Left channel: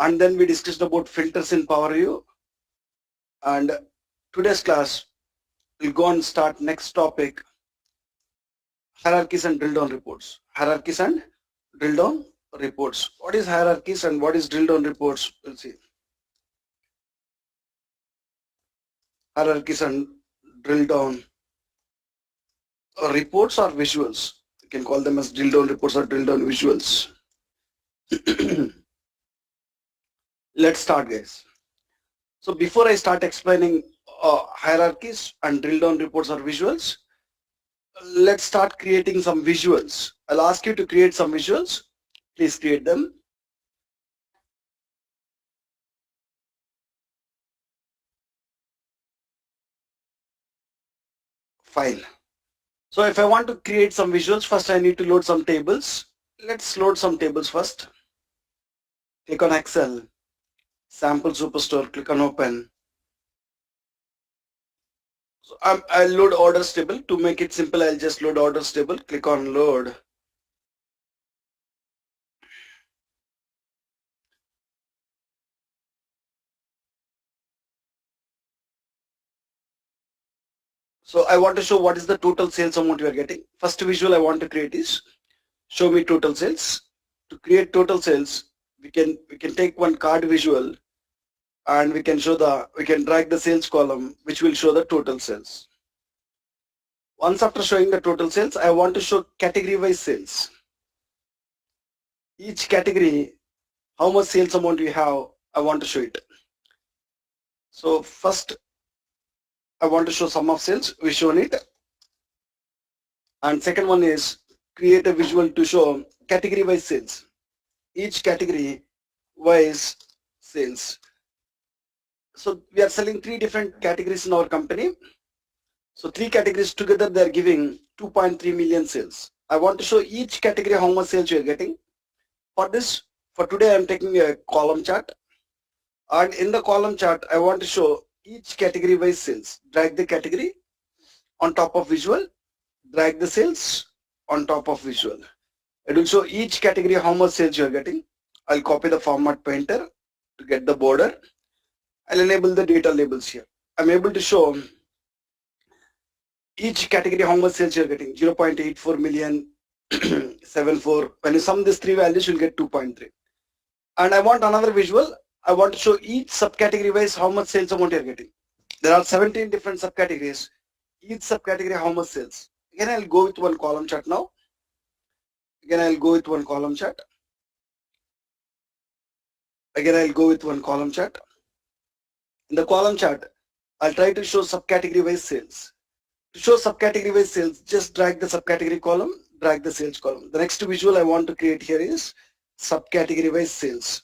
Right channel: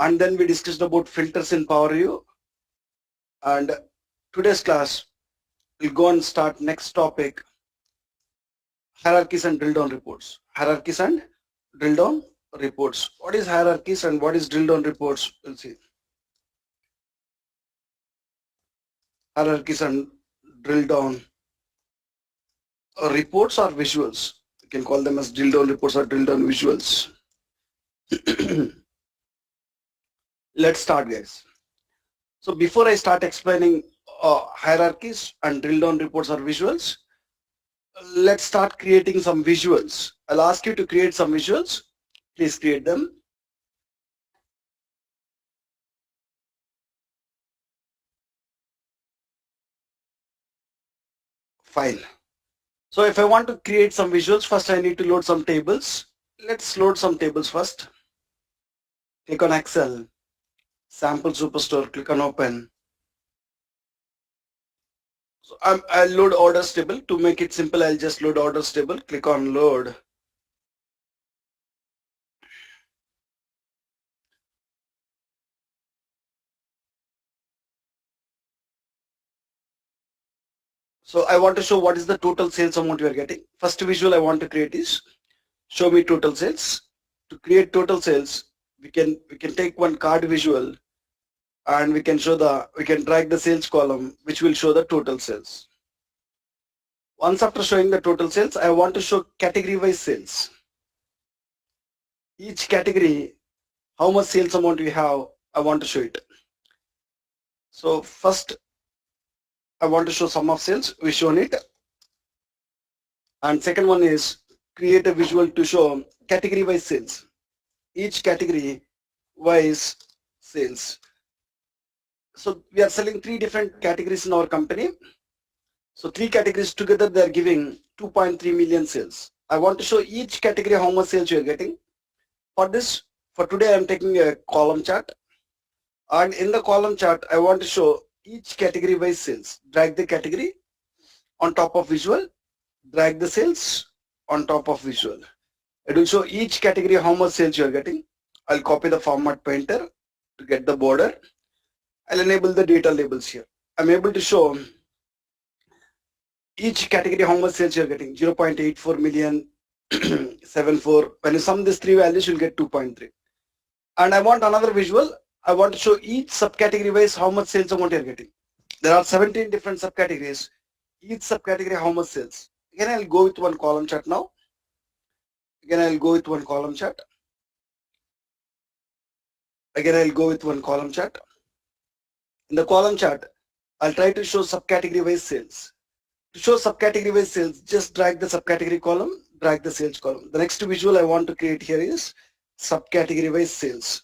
and then we discussed about filters in Power View. And today's class will go and start next topic, hierarchies and drill down reports. Hierarchies and drill down reports. What is hierarchies and what is drill down reports? We'll see. Hierarchies and drill down reports or visuals. You can call them as drill down reports or drill down visuals. Let's start, guys. So before I start explaining hierarchies and drill down reports or visuals, let's start creating some visuals. I'll ask you to create some visuals. Please create them. Fine. So if I want to create some visuals, first I need to load some tables. Let's load some tables first. Click on Excel, Sample Superstore, click on Open. So I'll load orders table. To make it simple, I'll just load orders table. Click on Load. So I want to show what is the total sales amount you are getting. First visual I want to create is show me total sales. To create total sales, we can take one card visual and we can drag the sales column which will show the total sales. Once after showing the total sales, I want to show category wise sales. Each category, how much sales amount we have, I want to show it. So first I want to show sum of sales, we shown it. And second one is create a visual to show category wise sales. Each category wise sales. So we are selling 3 different categories in our company. So 3 categories together they are giving 2.3 million sales. I want to show each category how much sales you are getting. For this, for today I am taking a column chart. And in the column chart I want to show each category wise sales. Drag the category on top of visual, drag the sales on top of visual. It will show each category how much sales you are getting. I'll copy the format painter to get the border. I'll enable the data labels here. I'm able to show each category how much sales you are getting. 0.84 million, 74. When you sum these 3 values, you'll get 2.3. And I want another visual. I want to show each subcategory wise how much sales amount you are getting. There are 17 different subcategories. Each subcategory how much sales. Again, I'll go with one column chart now. Again, I'll go with one column chart. Again, I'll go with one column chart. In the column chart, I'll try to show subcategory wise sales. To show subcategory wise sales, just drag the subcategory column, drag the sales column. The next visual I want to create here is subcategory wise sales.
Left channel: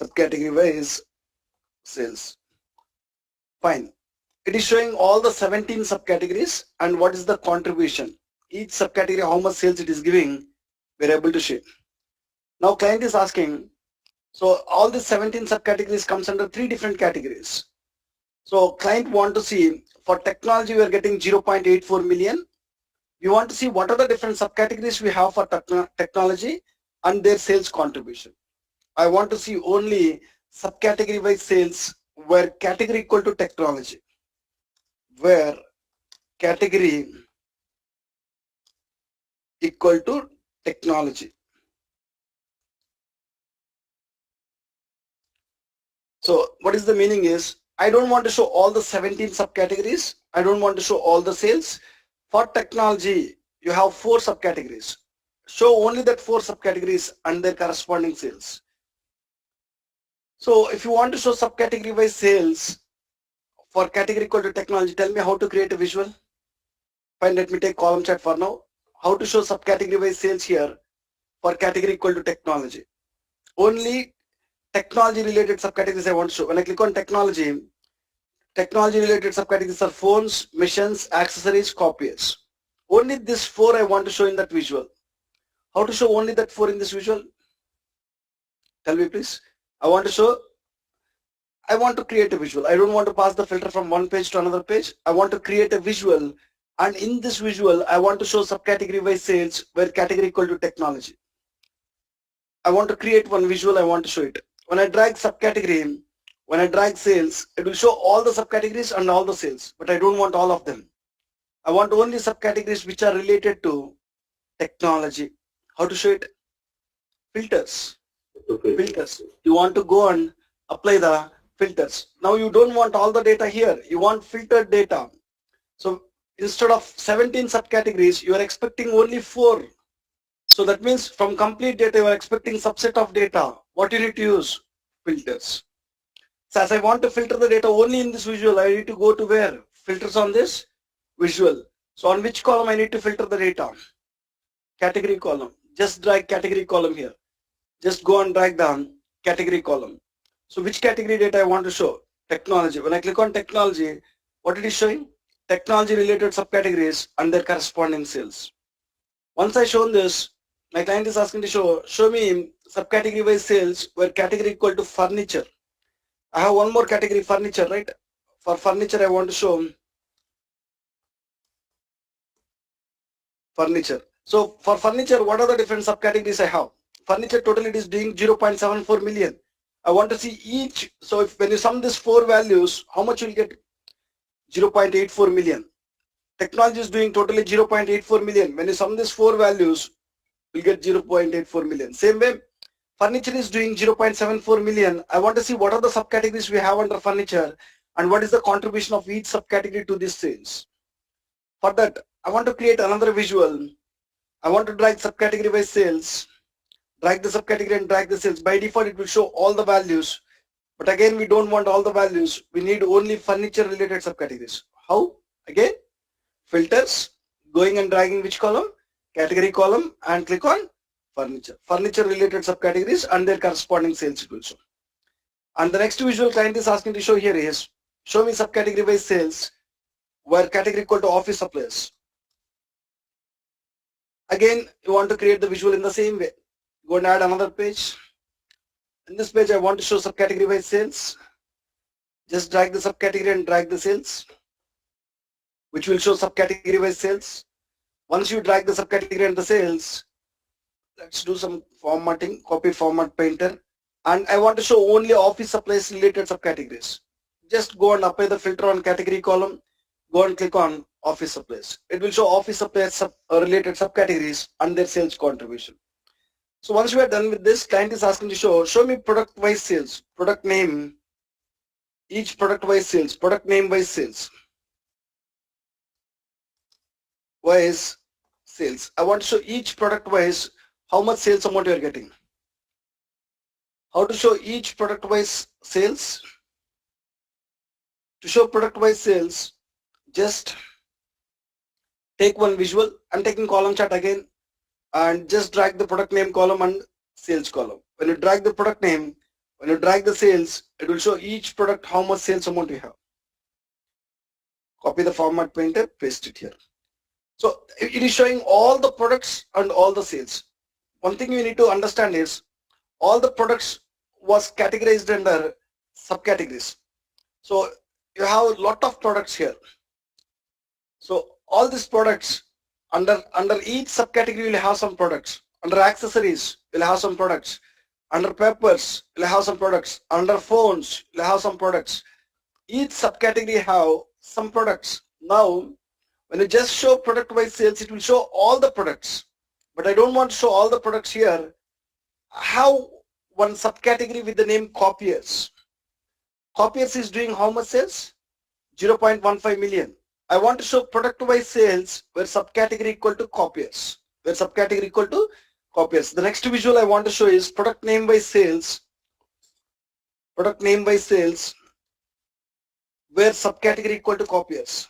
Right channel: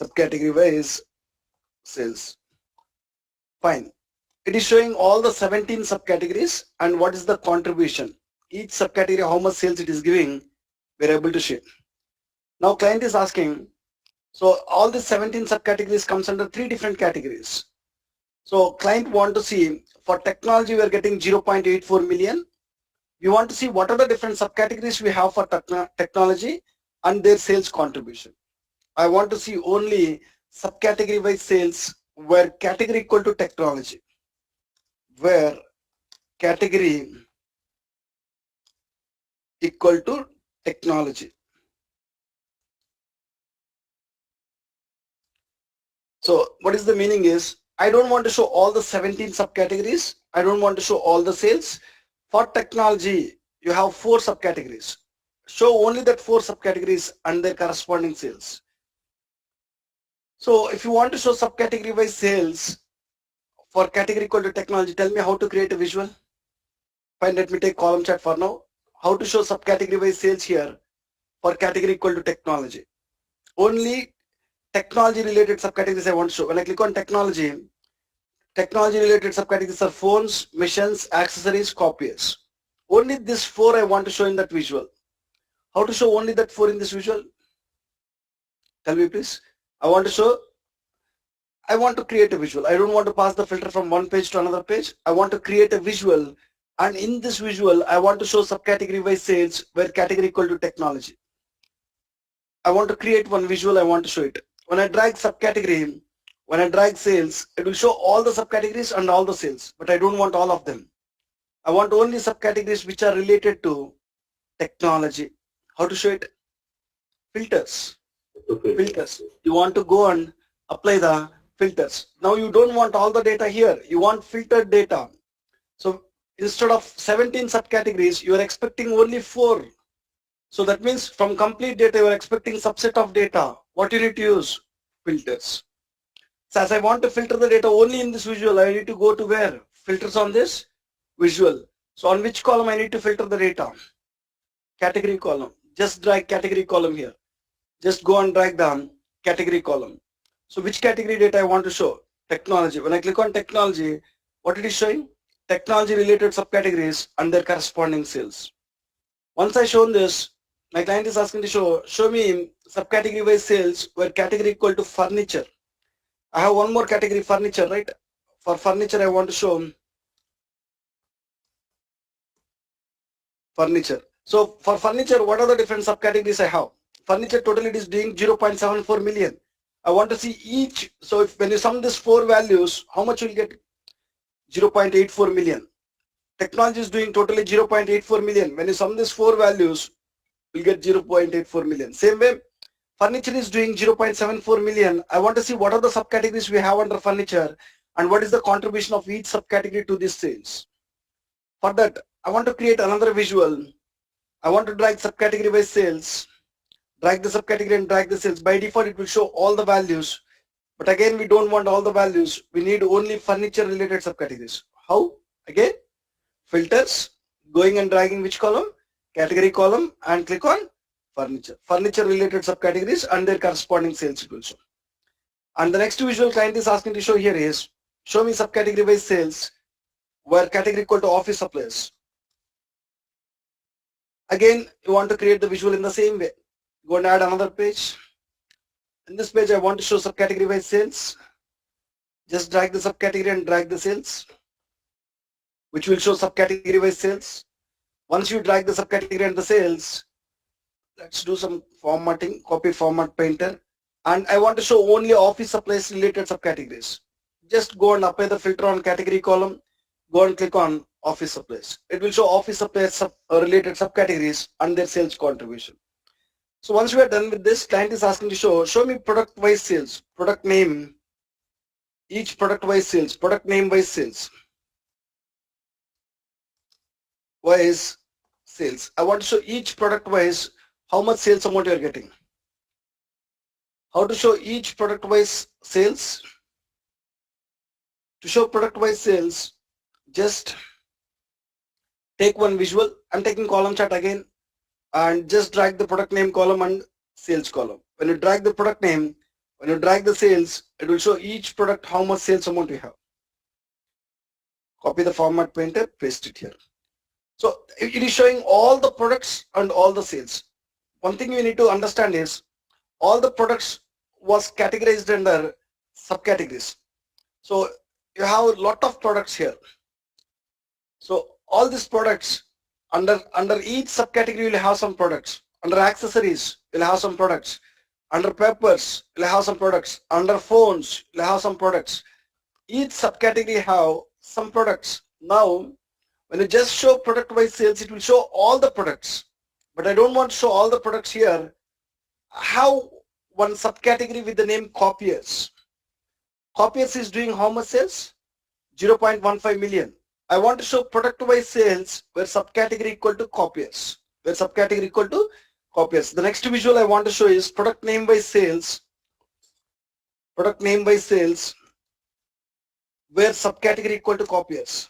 Subcategory wise sales. Fine. It is showing all the 17 subcategories and what is the contribution. Each subcategory, how much sales it is giving, we're able to show. Now client is asking, so all the 17 subcategories comes under 3 different categories. So client want to see for technology we are getting 0.84 million. We want to see what are the different subcategories we have for technology and their sales contribution. I want to see only subcategory wise sales where category equal to technology. Where category equal to technology. So what is the meaning is, I don't want to show all the 17 subcategories. I don't want to show all the sales. For technology, you have 4 subcategories. Show only that 4 subcategories and their corresponding sales. So if you want to show subcategory wise sales for category equal to technology, tell me how to create a visual. Fine, let me take column chart for now. How to show subcategory wise sales here for category equal to technology. Only technology related subcategories I want to show. When I click on technology related subcategories are phones, machines, accessories, copiers. Only this 4 I want to show in that visual. How to show only that 4 in this visual? Tell me please. I want to create a visual. I don't want to pass the filter from one page to another page. I want to create a visual, and in this visual I want to show subcategory wise sales where category equal to technology. I want to create one visual, I want to show it. When I drag subcategory, when I drag sales, it will show all the subcategories and all the sales, but I don't want all of them. I want only subcategories which are related to technology. How to show it? Filters. Filters. You want to go and apply the filters. Now you don't want all the data here. You want filtered data. So instead of 17 subcategories, you are expecting only 4. So that means from complete data, you are expecting subset of data. What you need to use? Filters. So as I want to filter the data only in this visual, I need to go to where? Filters on this visual. So on which column I need to filter the data? Category column. Just drag category column here. Just go and drag down category column. So which category data I want to show? Technology. When I click on technology, what it is showing? Technology related subcategories and their corresponding sales. Once I shown this, my client is asking to show me subcategory wise sales where category equal to furniture. I have one more category, furniture, right? For furniture, I want to show furniture. So for furniture, what are the different subcategories I have? Furniture total it is doing 0.74 million. I want to see each. So if when you sum these 4 values, how much you will get? 0.84 million. Technology is doing totally 0.84 million. When you sum these 4 values, you'll get 0.84 million. Same way, furniture is doing 0.74 million. I want to see what are the subcategories we have under furniture and what is the contribution of each subcategory to this sales. For that, I want to create another visual. I want to drag subcategory by sales, drag the subcategory and drag the sales. By default, it will show all the values. But again, we don't want all the values. We need only furniture related subcategories. How? Again, filters, going and dragging which column? Category column and click on furniture. Furniture related subcategories and their corresponding sales it will show. And the next visual client is asking to show here is, show me subcategory by sales where category equal to office supplies. Again, you want to create the visual in the same way. Go and add another page. In this page, I want to show subcategory by sales. Just drag the subcategory and drag the sales, which will show subcategory by sales. Once you drag the subcategory and the sales, let's do some formatting, copy format painter. And I want to show only office supplies related subcategories. Just go and apply the filter on category column. Go and click on office supplies. It will show office supplies related subcategories and their sales contribution. So once we are done with this, client is asking to show me product wise sales, product name, each product wise sales, product name wise sales. Wise sales. I want to show each product wise how much sales amount you are getting. How to show each product wise sales? To show product wise sales, just take one visual. I'm taking column chart again and just drag the product name column and sales column. When you drag the product name, when you drag the sales, it will show each product how much sales amount you have. Copy the format painter, paste it here. So it is showing all the products and all the sales. One thing you need to understand is all the products was categorized under subcategories. So you have a lot of products here. So all these products under each subcategory will have some products. Under accessories, you'll have some products. Under papers, you'll have some products. Under phones, you'll have some products. Each subcategory have some products. Now, when you just show product-wise sales, it will show all the products. But I don't want to show all the products here. How one subcategory with the name copiers. Copiers is doing how much sales? 0.15 million. I want to show product-wise sales where subcategory equal to copiers. Where subcategory equal to copiers. The next visual I want to show is product name by sales. Product name by sales where subcategory equal to copiers.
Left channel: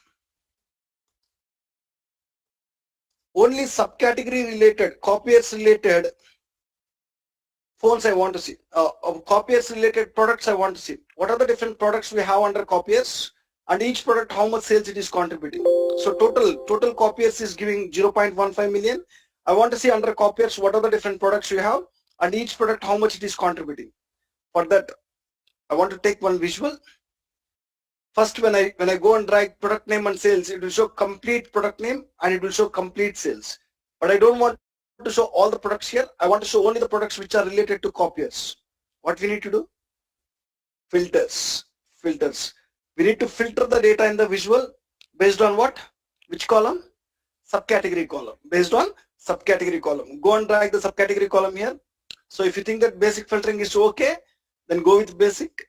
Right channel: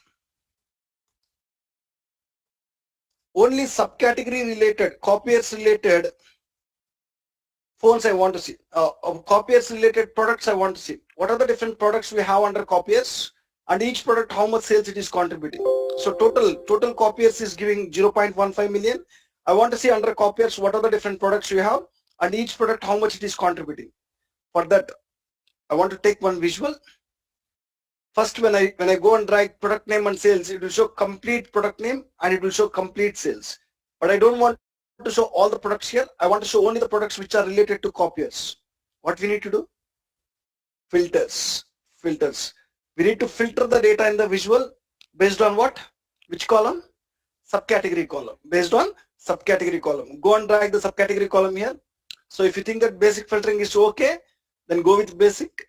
Only subcategory related, copiers related phones I want to see. Copiers related products I want to see. What are the different products we have under copiers? And each product how much sales it is contributing. So total copiers is giving 0.15 million. I want to see under copiers what are the different products you have and each product how much it is contributing. For that, I want to take one visual. First, when I go and drag product name and sales, it will show complete product name and it will show complete sales. But I don't want to show all the products here. I want to show only the products which are related to copiers. What we need to do? Filters. Filters. We need to filter the data in the visual based on what? Which column? Subcategory column. Based on subcategory column. Go and drag the subcategory column here. So if you think that basic filtering is okay, then go with basic.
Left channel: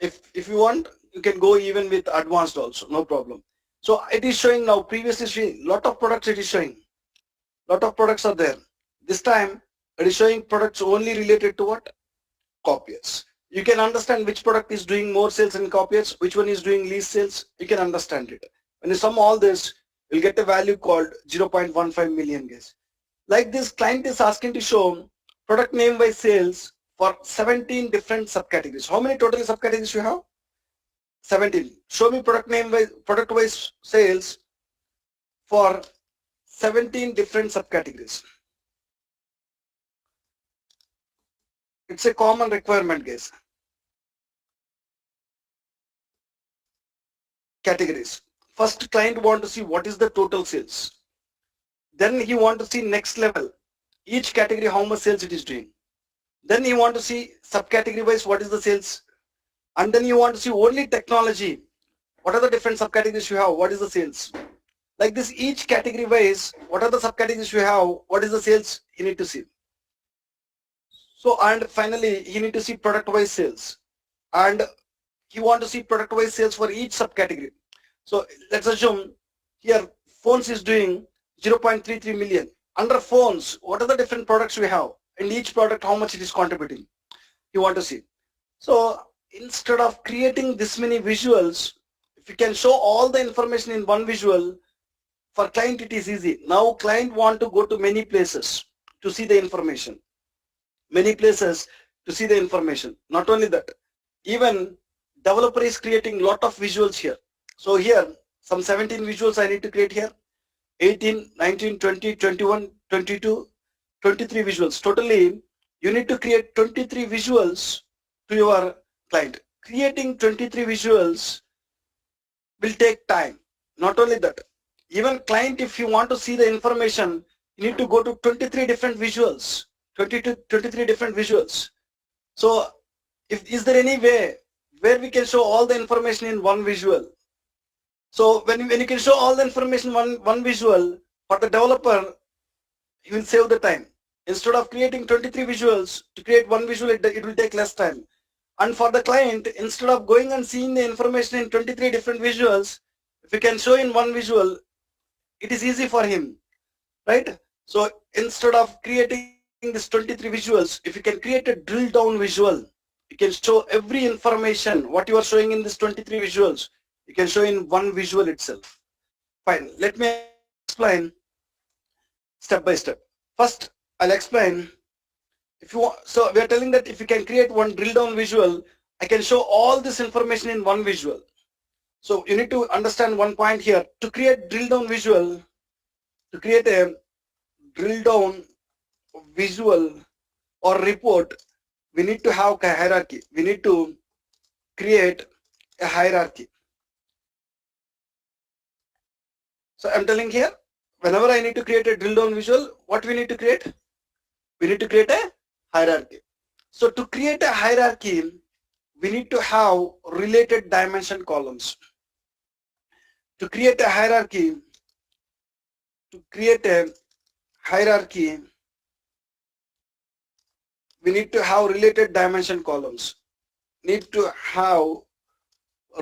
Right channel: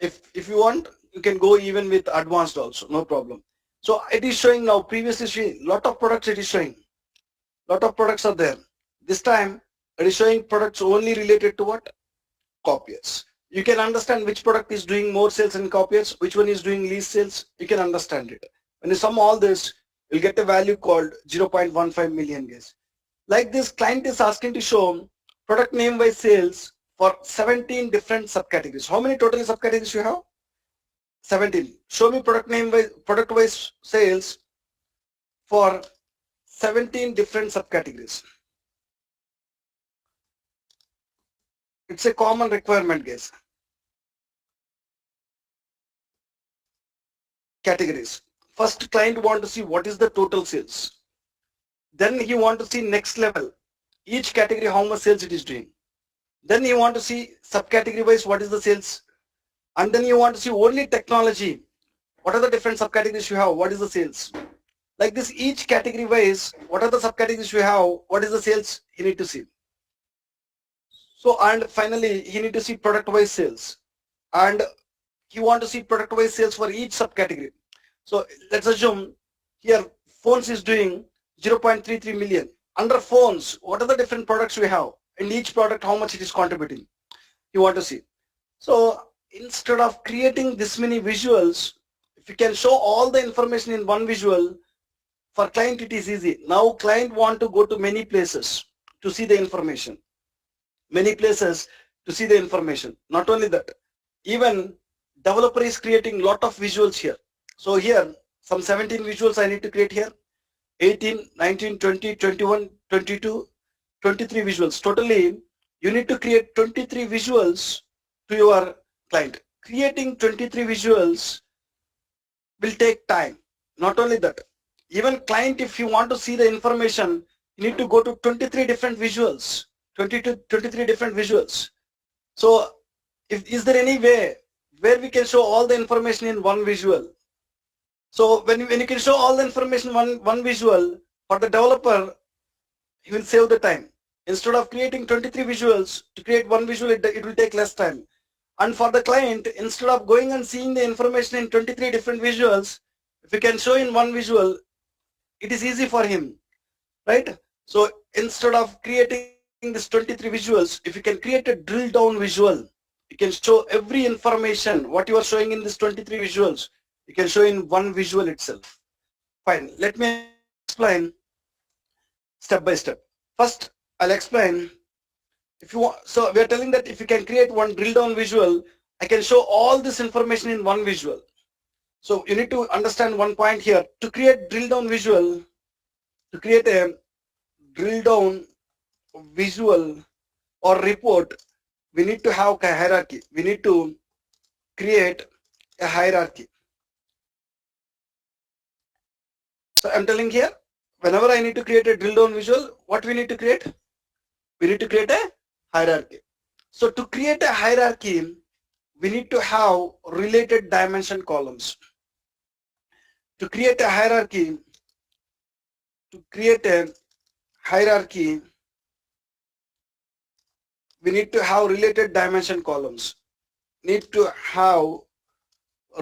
If you want, you can go even with advanced also, no problem. So it is showing now, previously showing lot of products, it is showing. Lot of products are there. This time it is showing products only related to what? Copiers. You can understand which product is doing more sales in copiers, which one is doing least sales. You can understand it. When you sum all this, you'll get a value called 0.15 million, guys. Like this, client is asking to show product name by sales for 17 different subcategories. How many total subcategories you have? 17. Show me product name by product wise sales for 17 different subcategories. It's a common requirement, guys. Categories. First, client want to see what is the total sales. Then he want to see next level. Each category how much sales it is doing. Then you want to see subcategory wise what is the sales. And then you want to see only technology. What are the different subcategories you have? What is the sales? Like this, each category wise, what are the subcategories you have? What is the sales you need to see? So, and finally, you need to see product wise sales. And you want to see product wise sales for each subcategory. So let's assume here phones is doing 0.33 million. Under phones, what are the different products we have? And each product, how much it is contributing? You want to see. So instead of creating this many visuals, if you can show all the information in one visual, for client it is easy. Now client want to go to many places to see the information. Many places to see the information. Not only that, even developer is creating lot of visuals here. So here, some 17 visuals I need to create here. 18, 19, 20, 21, 22, 23 visuals. Totally, you need to create 23 visuals to your client. Creating 23 visuals will take time. Not only that, even client, if you want to see the information, you need to go to 23 different visuals, 23 different visuals. So is there any way where we can show all the information in one visual? So when you can show all the information one visual, for the developer, he will save the time. Instead of creating 23 visuals, to create one visual, it will take less time. And for the client, instead of going and seeing the information in 23 different visuals, if you can show in one visual, it is easy for him, right? So instead of creating this 23 visuals, if you can create a drill down visual, you can show every information, what you are showing in this 23 visuals, you can show in one visual itself. Fine, let me explain step by step. First, I'll explain. If you want, so we are telling that if you can create one drill down visual, I can show all this information in one visual. So you need to understand one point here. To create drill down visual, to create a drill down visual or report, we need to have a hierarchy. We need to create a hierarchy. So I'm telling here, whenever I need to create a drill down visual, what we need to create? We need to create a hierarchy. So to create a hierarchy, we need to have related dimension columns. To create a hierarchy, we need to have related dimension columns. Need to have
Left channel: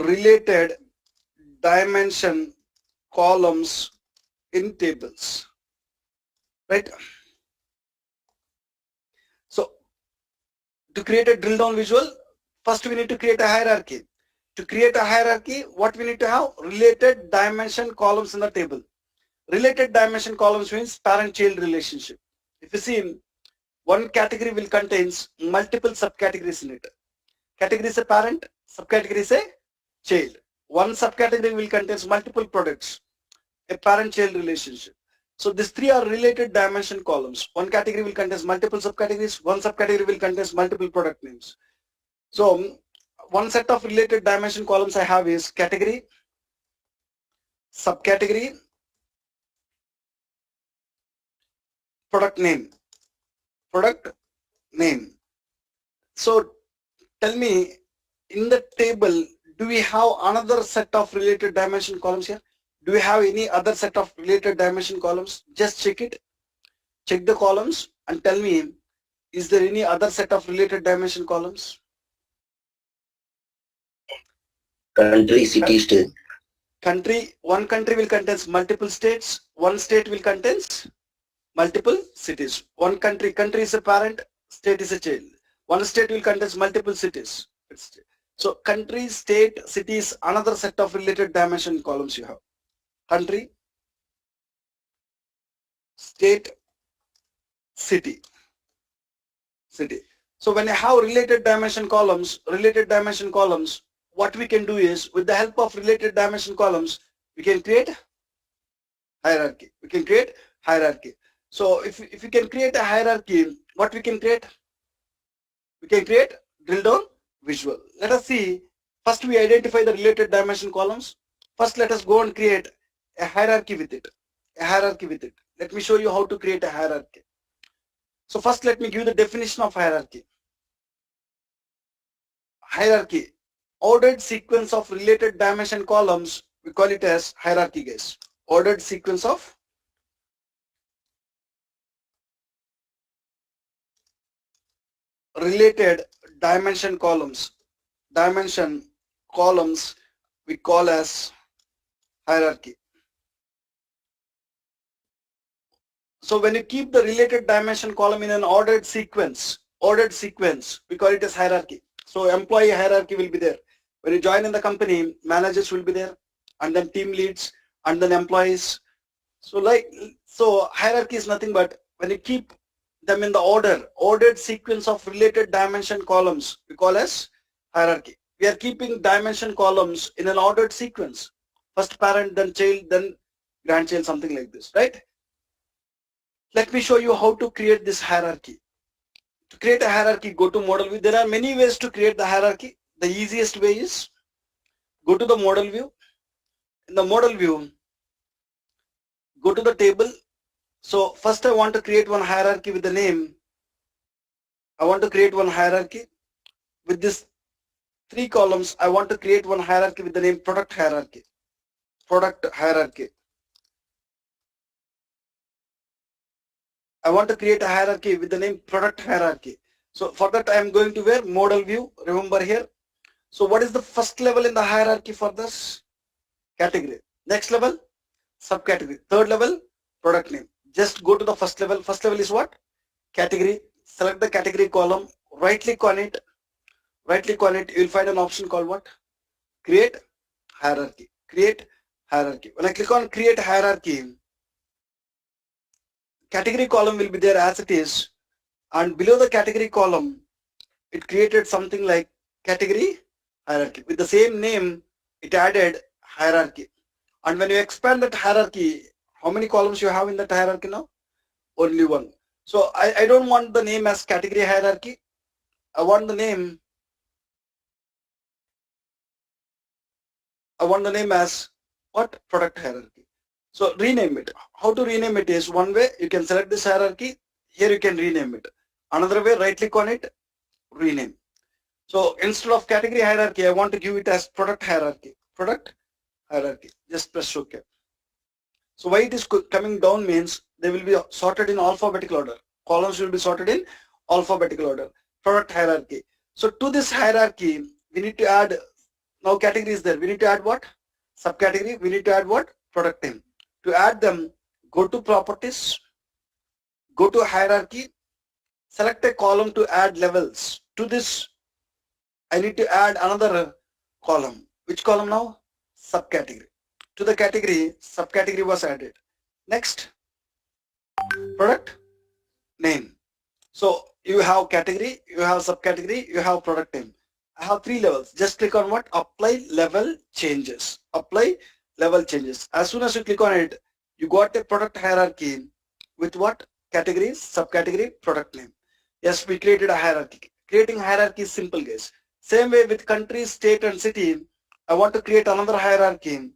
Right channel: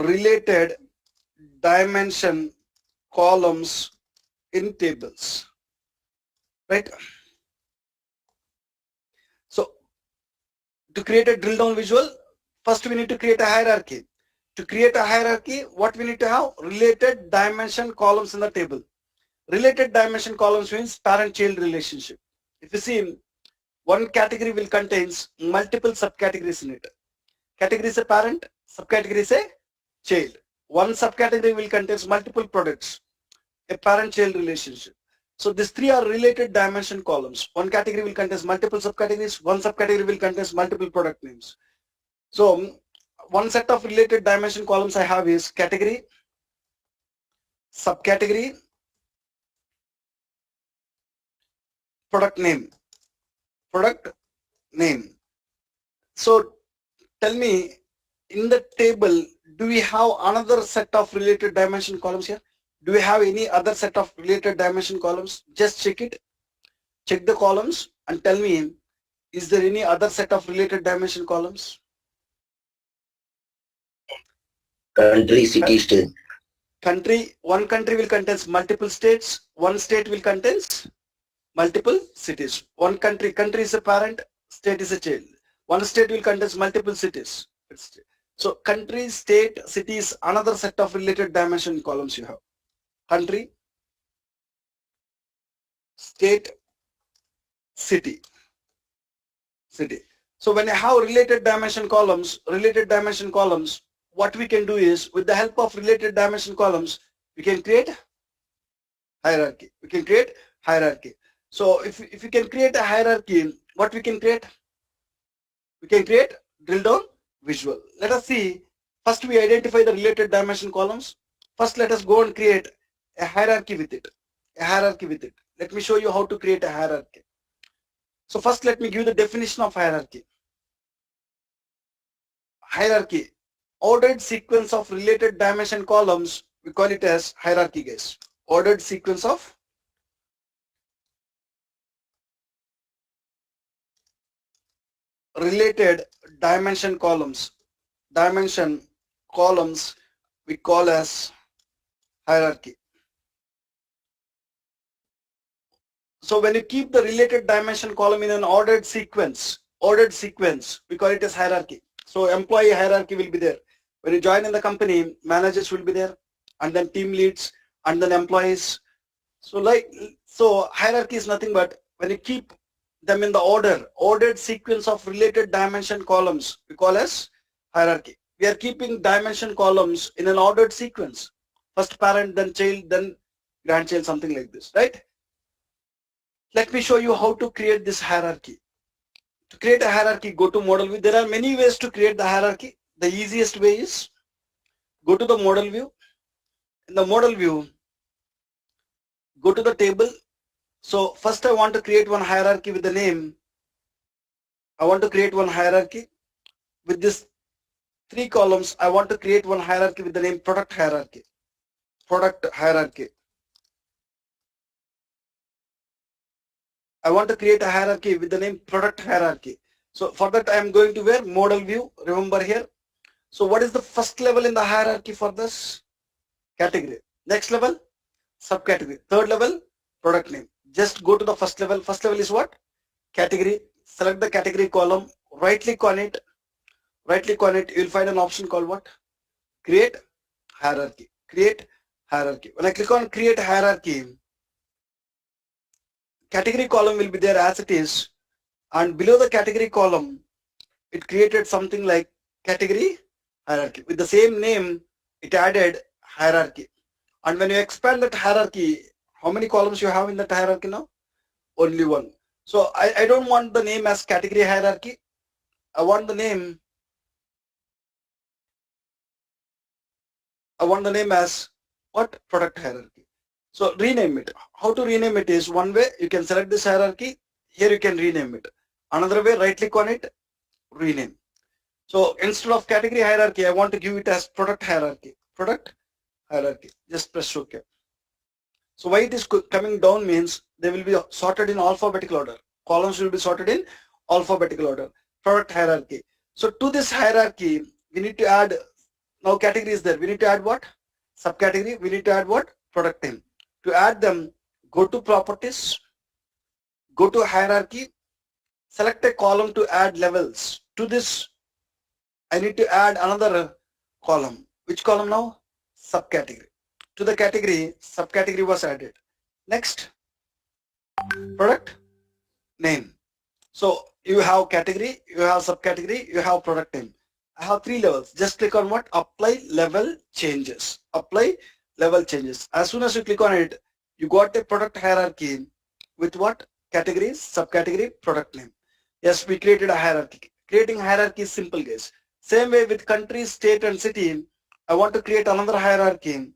related dimension columns in tables, right? So to create a drill down visual, first we need to create a hierarchy. To create a hierarchy, what we need to have? Related dimension columns in the table. Related dimension columns means parent-child relationship. If you see, one category will contains multiple subcategories in it. Category is a parent, subcategory is a child. One subcategory will contains multiple products, a parent-child relationship. So these three are related dimension columns. One category will contain multiple subcategories, one subcategory will contain multiple product names. So one set of related dimension columns I have is category, subcategory, product name, product name. So tell me, in the table, do we have another set of related dimension columns here? Do we have any other set of related dimension columns? Just check it. Check the columns and tell me, is there any other set of related dimension columns? Country, city, state. Country, one country will contain multiple states, one state will contain multiple cities. One country, country is a parent, state is a child. One state will contain multiple cities. So country, state, cities, another set of related dimension columns you have. Country, state, city. So when you have related dimension columns, what we can do is, with the help of related dimension columns, we can create hierarchy. So if you can create a hierarchy, what we can create? We can create drill down visual. Let us see. First we identify the related dimension columns. First let us go and create a hierarchy with it. Let me show you how to create a hierarchy. So first let me give the definition of hierarchy. Hierarchy, ordered sequence of related dimension columns. We call it as hierarchy, guys. Ordered sequence of related dimension columns. We call as hierarchy. So when you keep the related dimension column in an ordered sequence, we call it as hierarchy. So employee hierarchy will be there. When you join in the company, managers will be there, and then team leads, and then employees. So hierarchy is nothing but when you keep them in the ordered sequence of related dimension columns, we call as hierarchy. We are keeping dimension columns in an ordered sequence. First parent, then child, then grandchild, something like this, right? Let me show you how to create this hierarchy. To create a hierarchy, go to model view. There are many ways to create the hierarchy. The easiest way is go to the model view. In the model view, go to the table. So first I want to create one hierarchy with the name. I want to create one hierarchy with this 3 columns. I want to create one hierarchy with the name product hierarchy. I want to create a hierarchy with the name product hierarchy. So for that I am going to where? Model view, remember here. So what is the first level in the hierarchy for this? Category. Next level, subcategory. Third level, product name. Just go to the first level. First level is what? Category. Select the category column, right click on it. You will find an option called what? Create hierarchy. When I click on create hierarchy, category column will be there as it is, and below the category column it created something like category hierarchy. With the same name it added hierarchy. And when you expand that hierarchy, how many columns you have in that hierarchy now? Only one. So I don't want the name as category hierarchy. I want the name as what? Product hierarchy. So rename it. How to rename it is one way. You can select this hierarchy. Here you can rename it. Another way, right click on it, rename. So instead of category hierarchy, I want to give it as product hierarchy. Just press OK. So why it is coming down means they will be sorted in alphabetical order. Columns will be sorted in alphabetical order. Product hierarchy. So to this hierarchy, we need to add, now category is there. We need to add what? Subcategory. We need to add what? Product name. To add them, go to properties, go to hierarchy, select a column to add levels. To this, I need to add another column. Which column now? Subcategory. To the category, subcategory was added. Next, product name. So you have category, you have subcategory, you have product name. I have 3 levels. Just click on what? Apply level changes. As soon as you click on it, you got a product hierarchy with what? Category, subcategory, product name. Yes, we created a hierarchy. Creating hierarchy is simple, guys. Same way with country, state and city, I want to create another hierarchy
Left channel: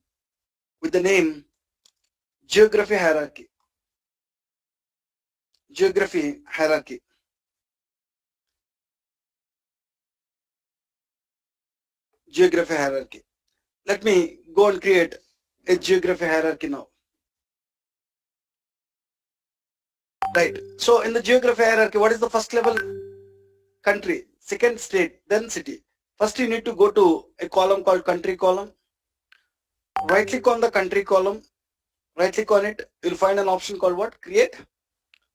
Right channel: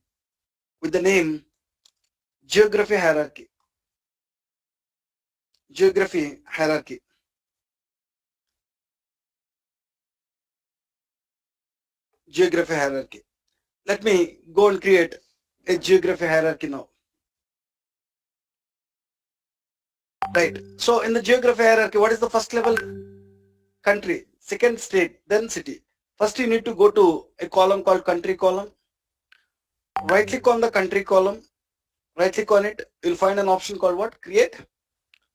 with the name geography hierarchy. geography hierarchy. Geography hierarchy. Let me go and create a geography hierarchy now. Right. So in the geography hierarchy, what is the first level? Country, second state, then city. First you need to go to a column called country column. Right click on the country column. Right click on it. You'll find an option called what? Create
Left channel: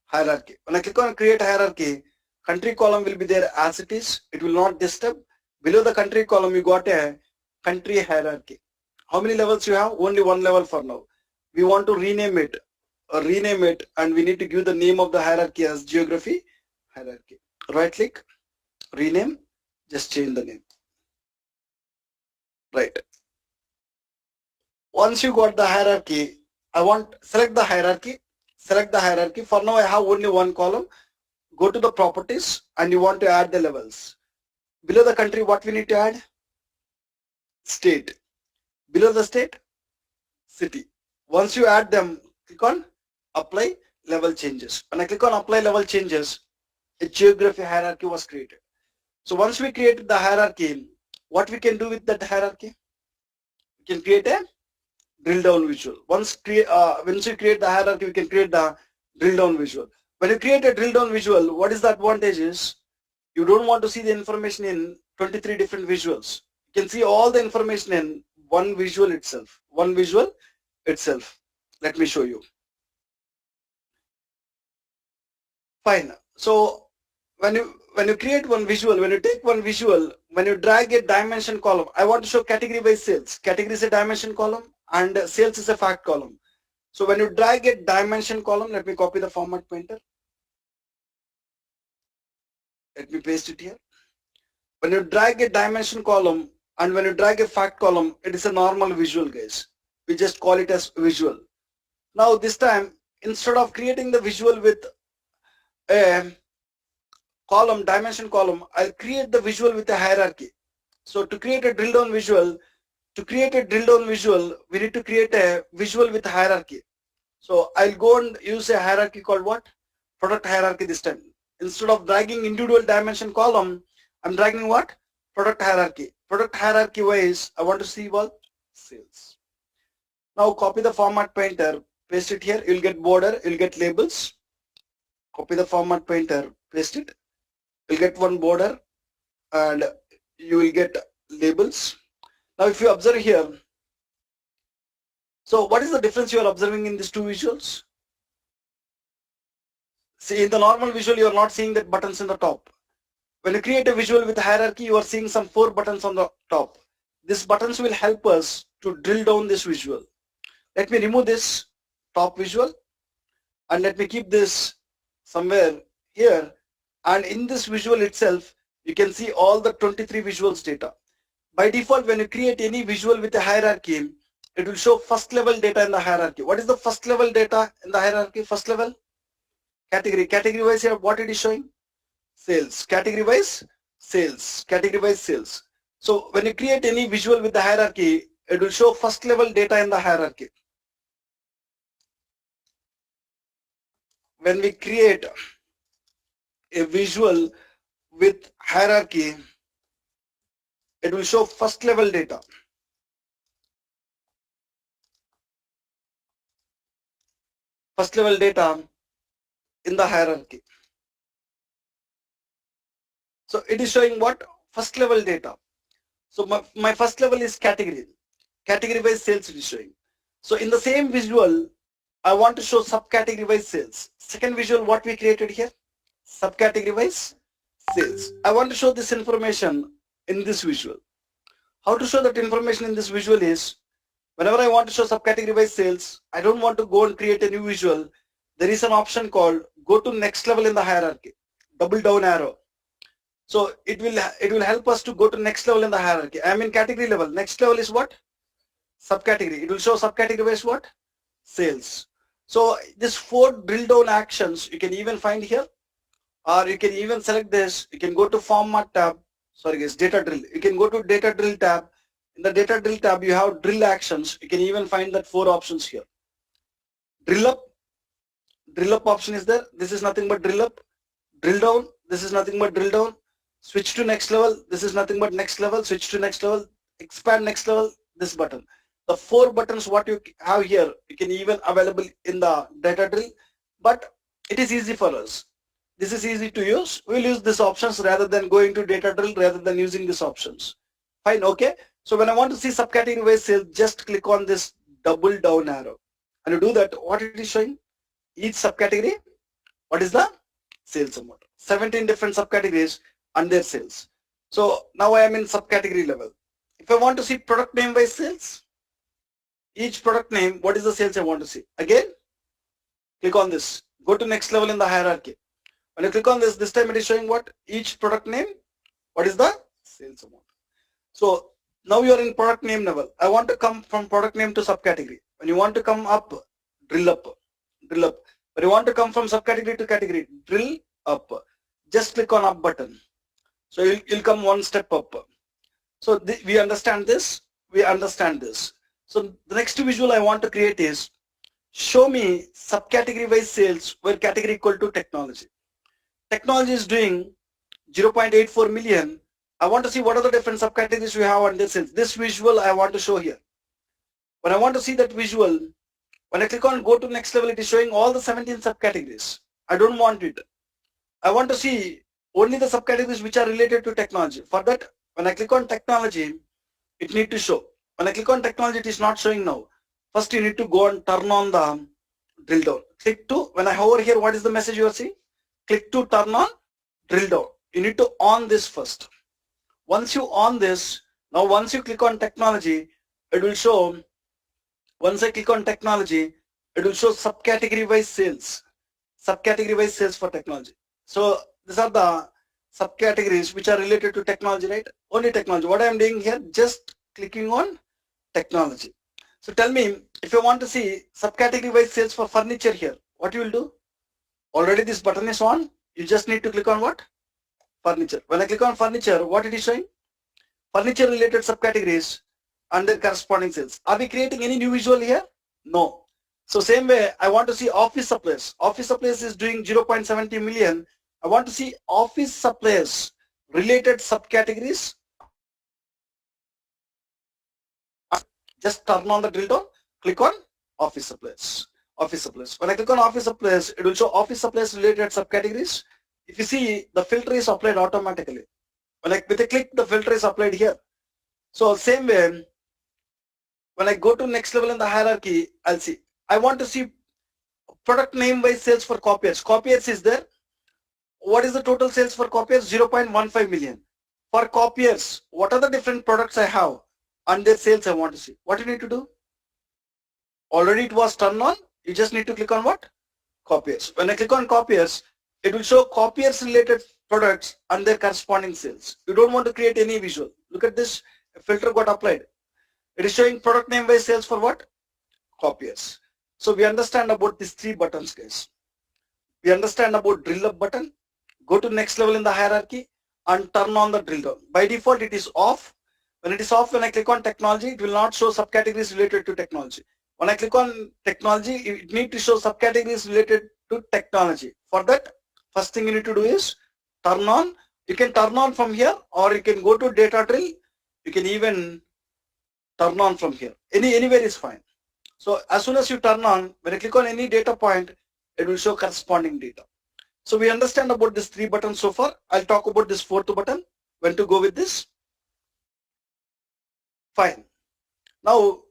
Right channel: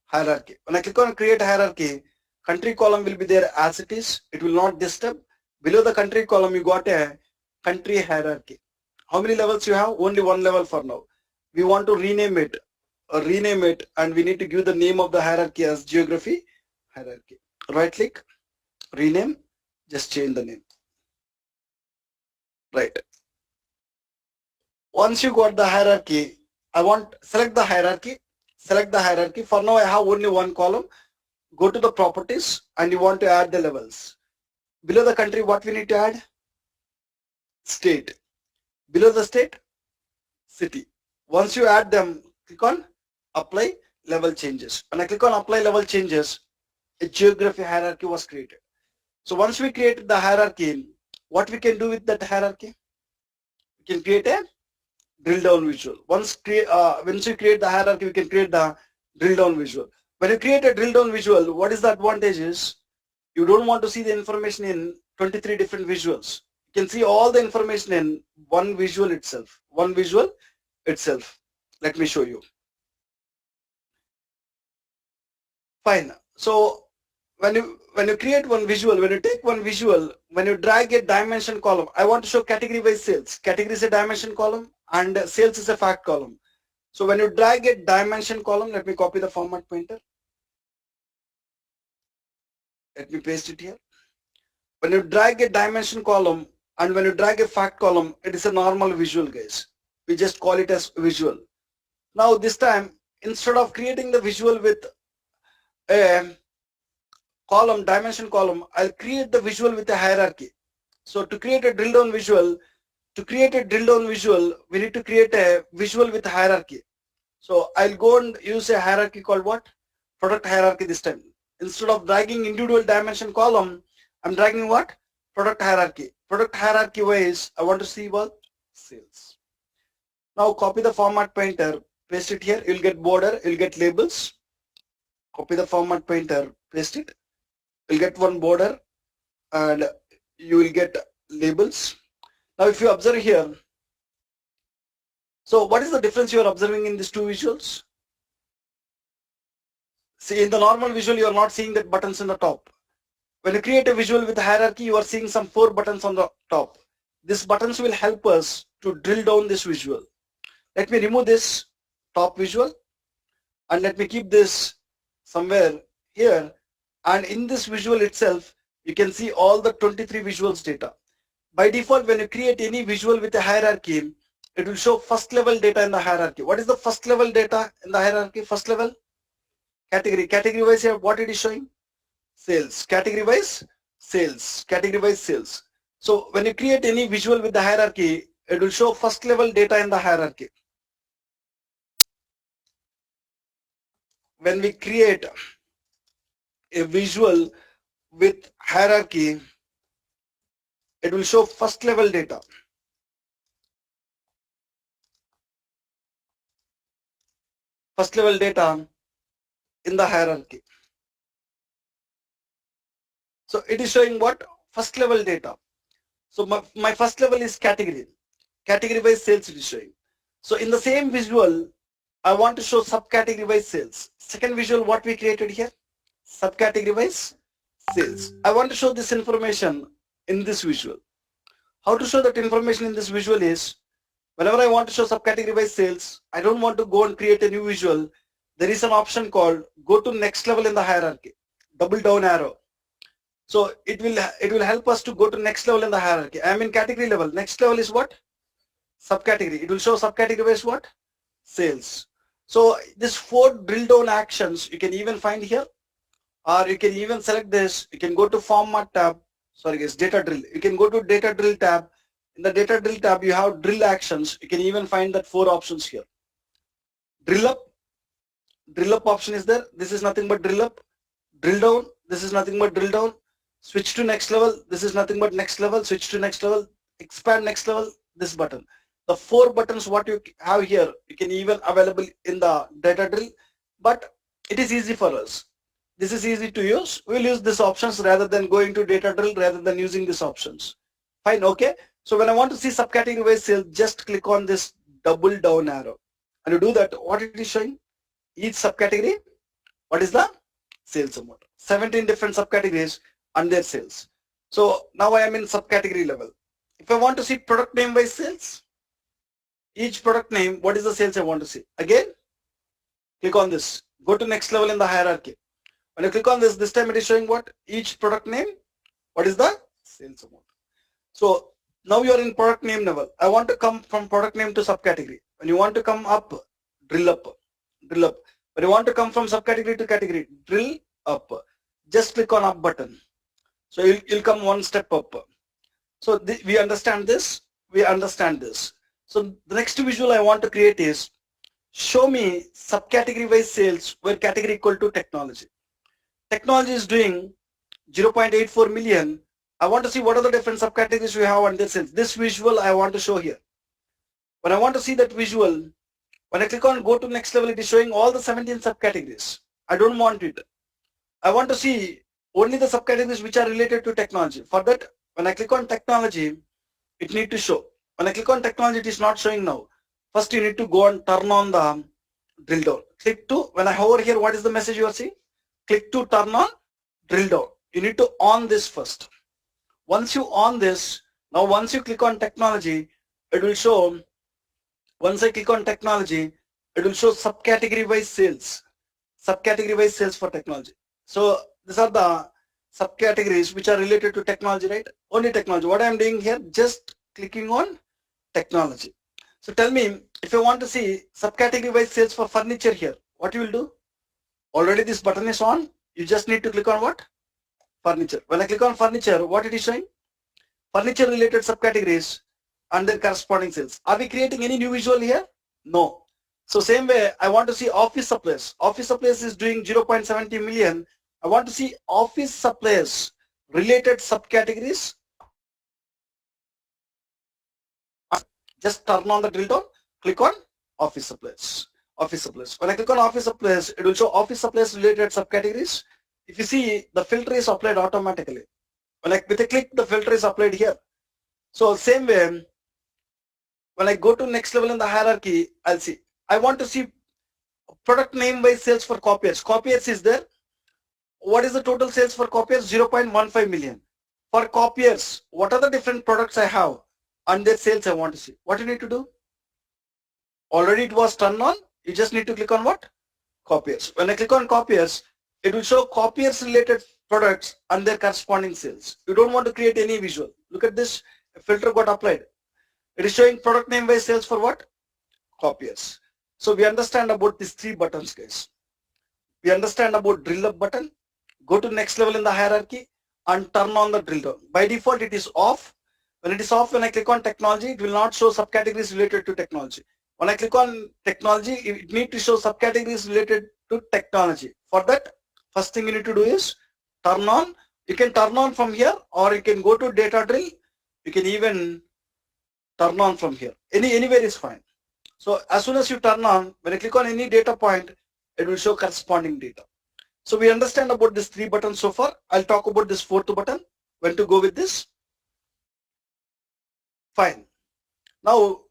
hierarchy. When I click on create hierarchy, country column will be there as it is. It will not disturb. Below the country column, you got a country hierarchy. How many levels you have? Only one level for now. We want to rename it and we need to give the name of the hierarchy as geography hierarchy. Right click, rename, just change the name. Right. Once you got the hierarchy, select the hierarchy. For now I have only one column. Go to the properties and you want to add the levels. Below the country, what we need to add? State. Below the state, city. Once you add them, click on apply level changes. When I click on apply level changes, a geography hierarchy was created. So once we created the hierarchy, what we can do with that hierarchy? We can create a drill down visual. Once you create the hierarchy, we can create the drill down visual. When you create a drill down visual, what is the advantage is you don't want to see the information in 23 different visuals. You can see all the information in one visual itself. Let me show you. Fine. So when you create one visual, when you take one visual, when you drag a dimension column, I want to show category by sales. Category is a dimension column and sales is a fact column. So when you drag a dimension column, let me copy the format pointer. Let me paste it here. When you drag a dimension column and when you drag a fact column, it is a normal visual, guys. We just call it as visual. Now this time, instead of creating the visual with a column, dimension column, I'll create the visual with a hierarchy. So to create a drill down visual, we need to create a visual with a hierarchy. So I'll go and use a hierarchy called what? Product hierarchy this time. Instead of dragging individual dimension column, I'm dragging what? Product hierarchy. Product hierarchy wise, I want to see what? Sales. Now copy the format pointer, paste it here. You'll get border, you'll get labels. Copy the format pointer, paste it. You'll get one border and you will get labels. Now if you observe here, so what is the difference you are observing in these two visuals? See, in the normal visual, you are not seeing that buttons in the top. When you create a visual with a hierarchy, you are seeing some 4 buttons on the top. These buttons will help us to drill down this visual. Let me remove this top visual and let me keep this somewhere here. And in this visual itself, you can see all the 23 visuals data. By default, when you create any visual with a hierarchy, it will show first level data in the hierarchy. What is the first level data in the hierarchy? First level? Category. Category wise here, what it is showing? Sales. Category wise? Sales. Category wise sales. So when you create any visual with the hierarchy, it will show first level data in the hierarchy. When we create a visual with hierarchy, it will show first level data. First level data in the hierarchy. So it is showing what? First level data. So my first level is category. Category wise sales it is showing. So in the same visual, I want to show subcategory wise sales. Second visual, what we created here? Subcategory wise sales. I want to show this information in this visual. How to show that information in this visual is, whenever I want to show subcategory wise sales, I don't want to go and create a new visual. There is an option called go to next level in the hierarchy. Double down arrow. So it will help us to go to next level in the hierarchy. I am in category level. Next level is what? Subcategory. It will show subcategory wise what? Sales. So this 4 drill down actions you can even find here, or you can even select this. You can go to format tab. Sorry guys, data drill. You can go to data drill tab. In the data drill tab, you have drill actions. You can even find that 4 options here. Drill up, Drill up option is there. This is nothing but drill up. Drill down. This is nothing but drill down. Switch to next level. This is nothing but next level. Switch to next level. Expand next level. This button. The 4 buttons what you have here, you can even available in the data drill, but it is easy for us. This is easy to use. We'll use these options rather than going to data drill, rather than using these options. Fine, okay. So when I want to see subcategory wise sales, just click on this double down arrow. And you do that, what it is showing? Each subcategory, what is the sales amount? 17 different subcategories and their sales. So now I am in subcategory level. If I want to see product name wise sales, each product name, what is the sales I want to see? Again, click on this. Go to next level in the hierarchy. When you click on this time it is showing what? Each product name, what is the sales amount? So now you are in product name level. I want to come from product name to subcategory. When you want to come up, drill up, drill up. When you want to come from subcategory to category, drill up. Just click on up button. So you'll come one step up. So we understand this. We understand this. So the next visual I want to create is show me subcategory wise sales where category equal to technology. Technology is doing 0.84 million. I want to see what are the different subcategories we have under sales. This visual I want to show here. When I want to see that visual, when I click on go to next level, it is showing all the 17 subcategories. I don't want it. I want to see only the subcategories which are related to technology. For that, when I click on technology, it need to show. When I click on technology, it is not showing now. First, you need to go and turn on the drill down. Click to, when I hover here, what is the message you are seeing? Click to turn on drill down. You need to on this first. Once you on this, now once you click on technology, it will show, once I click on technology, it will show subcategory wise sales. Subcategory wise sales for technology. So these are the subcategories which are related to technology, right? Only technology. What I am doing here, just clicking on technology. So tell me, if you want to see subcategory wise sales for furniture here, what you will do? Already this button is on. You just need to click on what? Furniture. When I click on furniture, what it is showing? Furniture related subcategories and their corresponding sales. Are we creating any new visual here? No. So same way, I want to see office supplies. Office supplies is doing 0.70 million. I want to see office supplies related subcategories. Just turn on the drill down, click on office supplies. Office supplies. When I click on office supplies, it will show office supplies related subcategories. If you see, the filter is applied automatically. When I with a click, the filter is applied here. So same way, when I go to next level in the hierarchy, I'll see. I want to see product name wise sales for copiers. Copiers is there. What is the total sales for copiers? 0.15 million. For copiers, what are the different products I have and their sales I want to see? What you need to do? Already it was turned on. You just need to click on what? Copiers. When I click on copiers, it will show copiers related products and their corresponding sales. You don't want to create any visual. Look at this, a filter got applied. It is showing product name wise sales for what? Copiers. So we understand about these 3 buttons, guys. We understand about drill up button, go to next level in the hierarchy and turn on the drill down. By default, it is off. When it is off, when I click on technology, it will not show subcategories related to technology. When I click on technology, it needs to show subcategories related to technology. For that, first thing you need to do is turn on. You can turn on from here or you can go to data drill. You can even turn on from here. Anywhere is fine. So as soon as you turn on, when I click on any data point, it will show corresponding data. So we understand about these 3 buttons so far. I'll talk about this 4th button, when to go with this. Fine. Now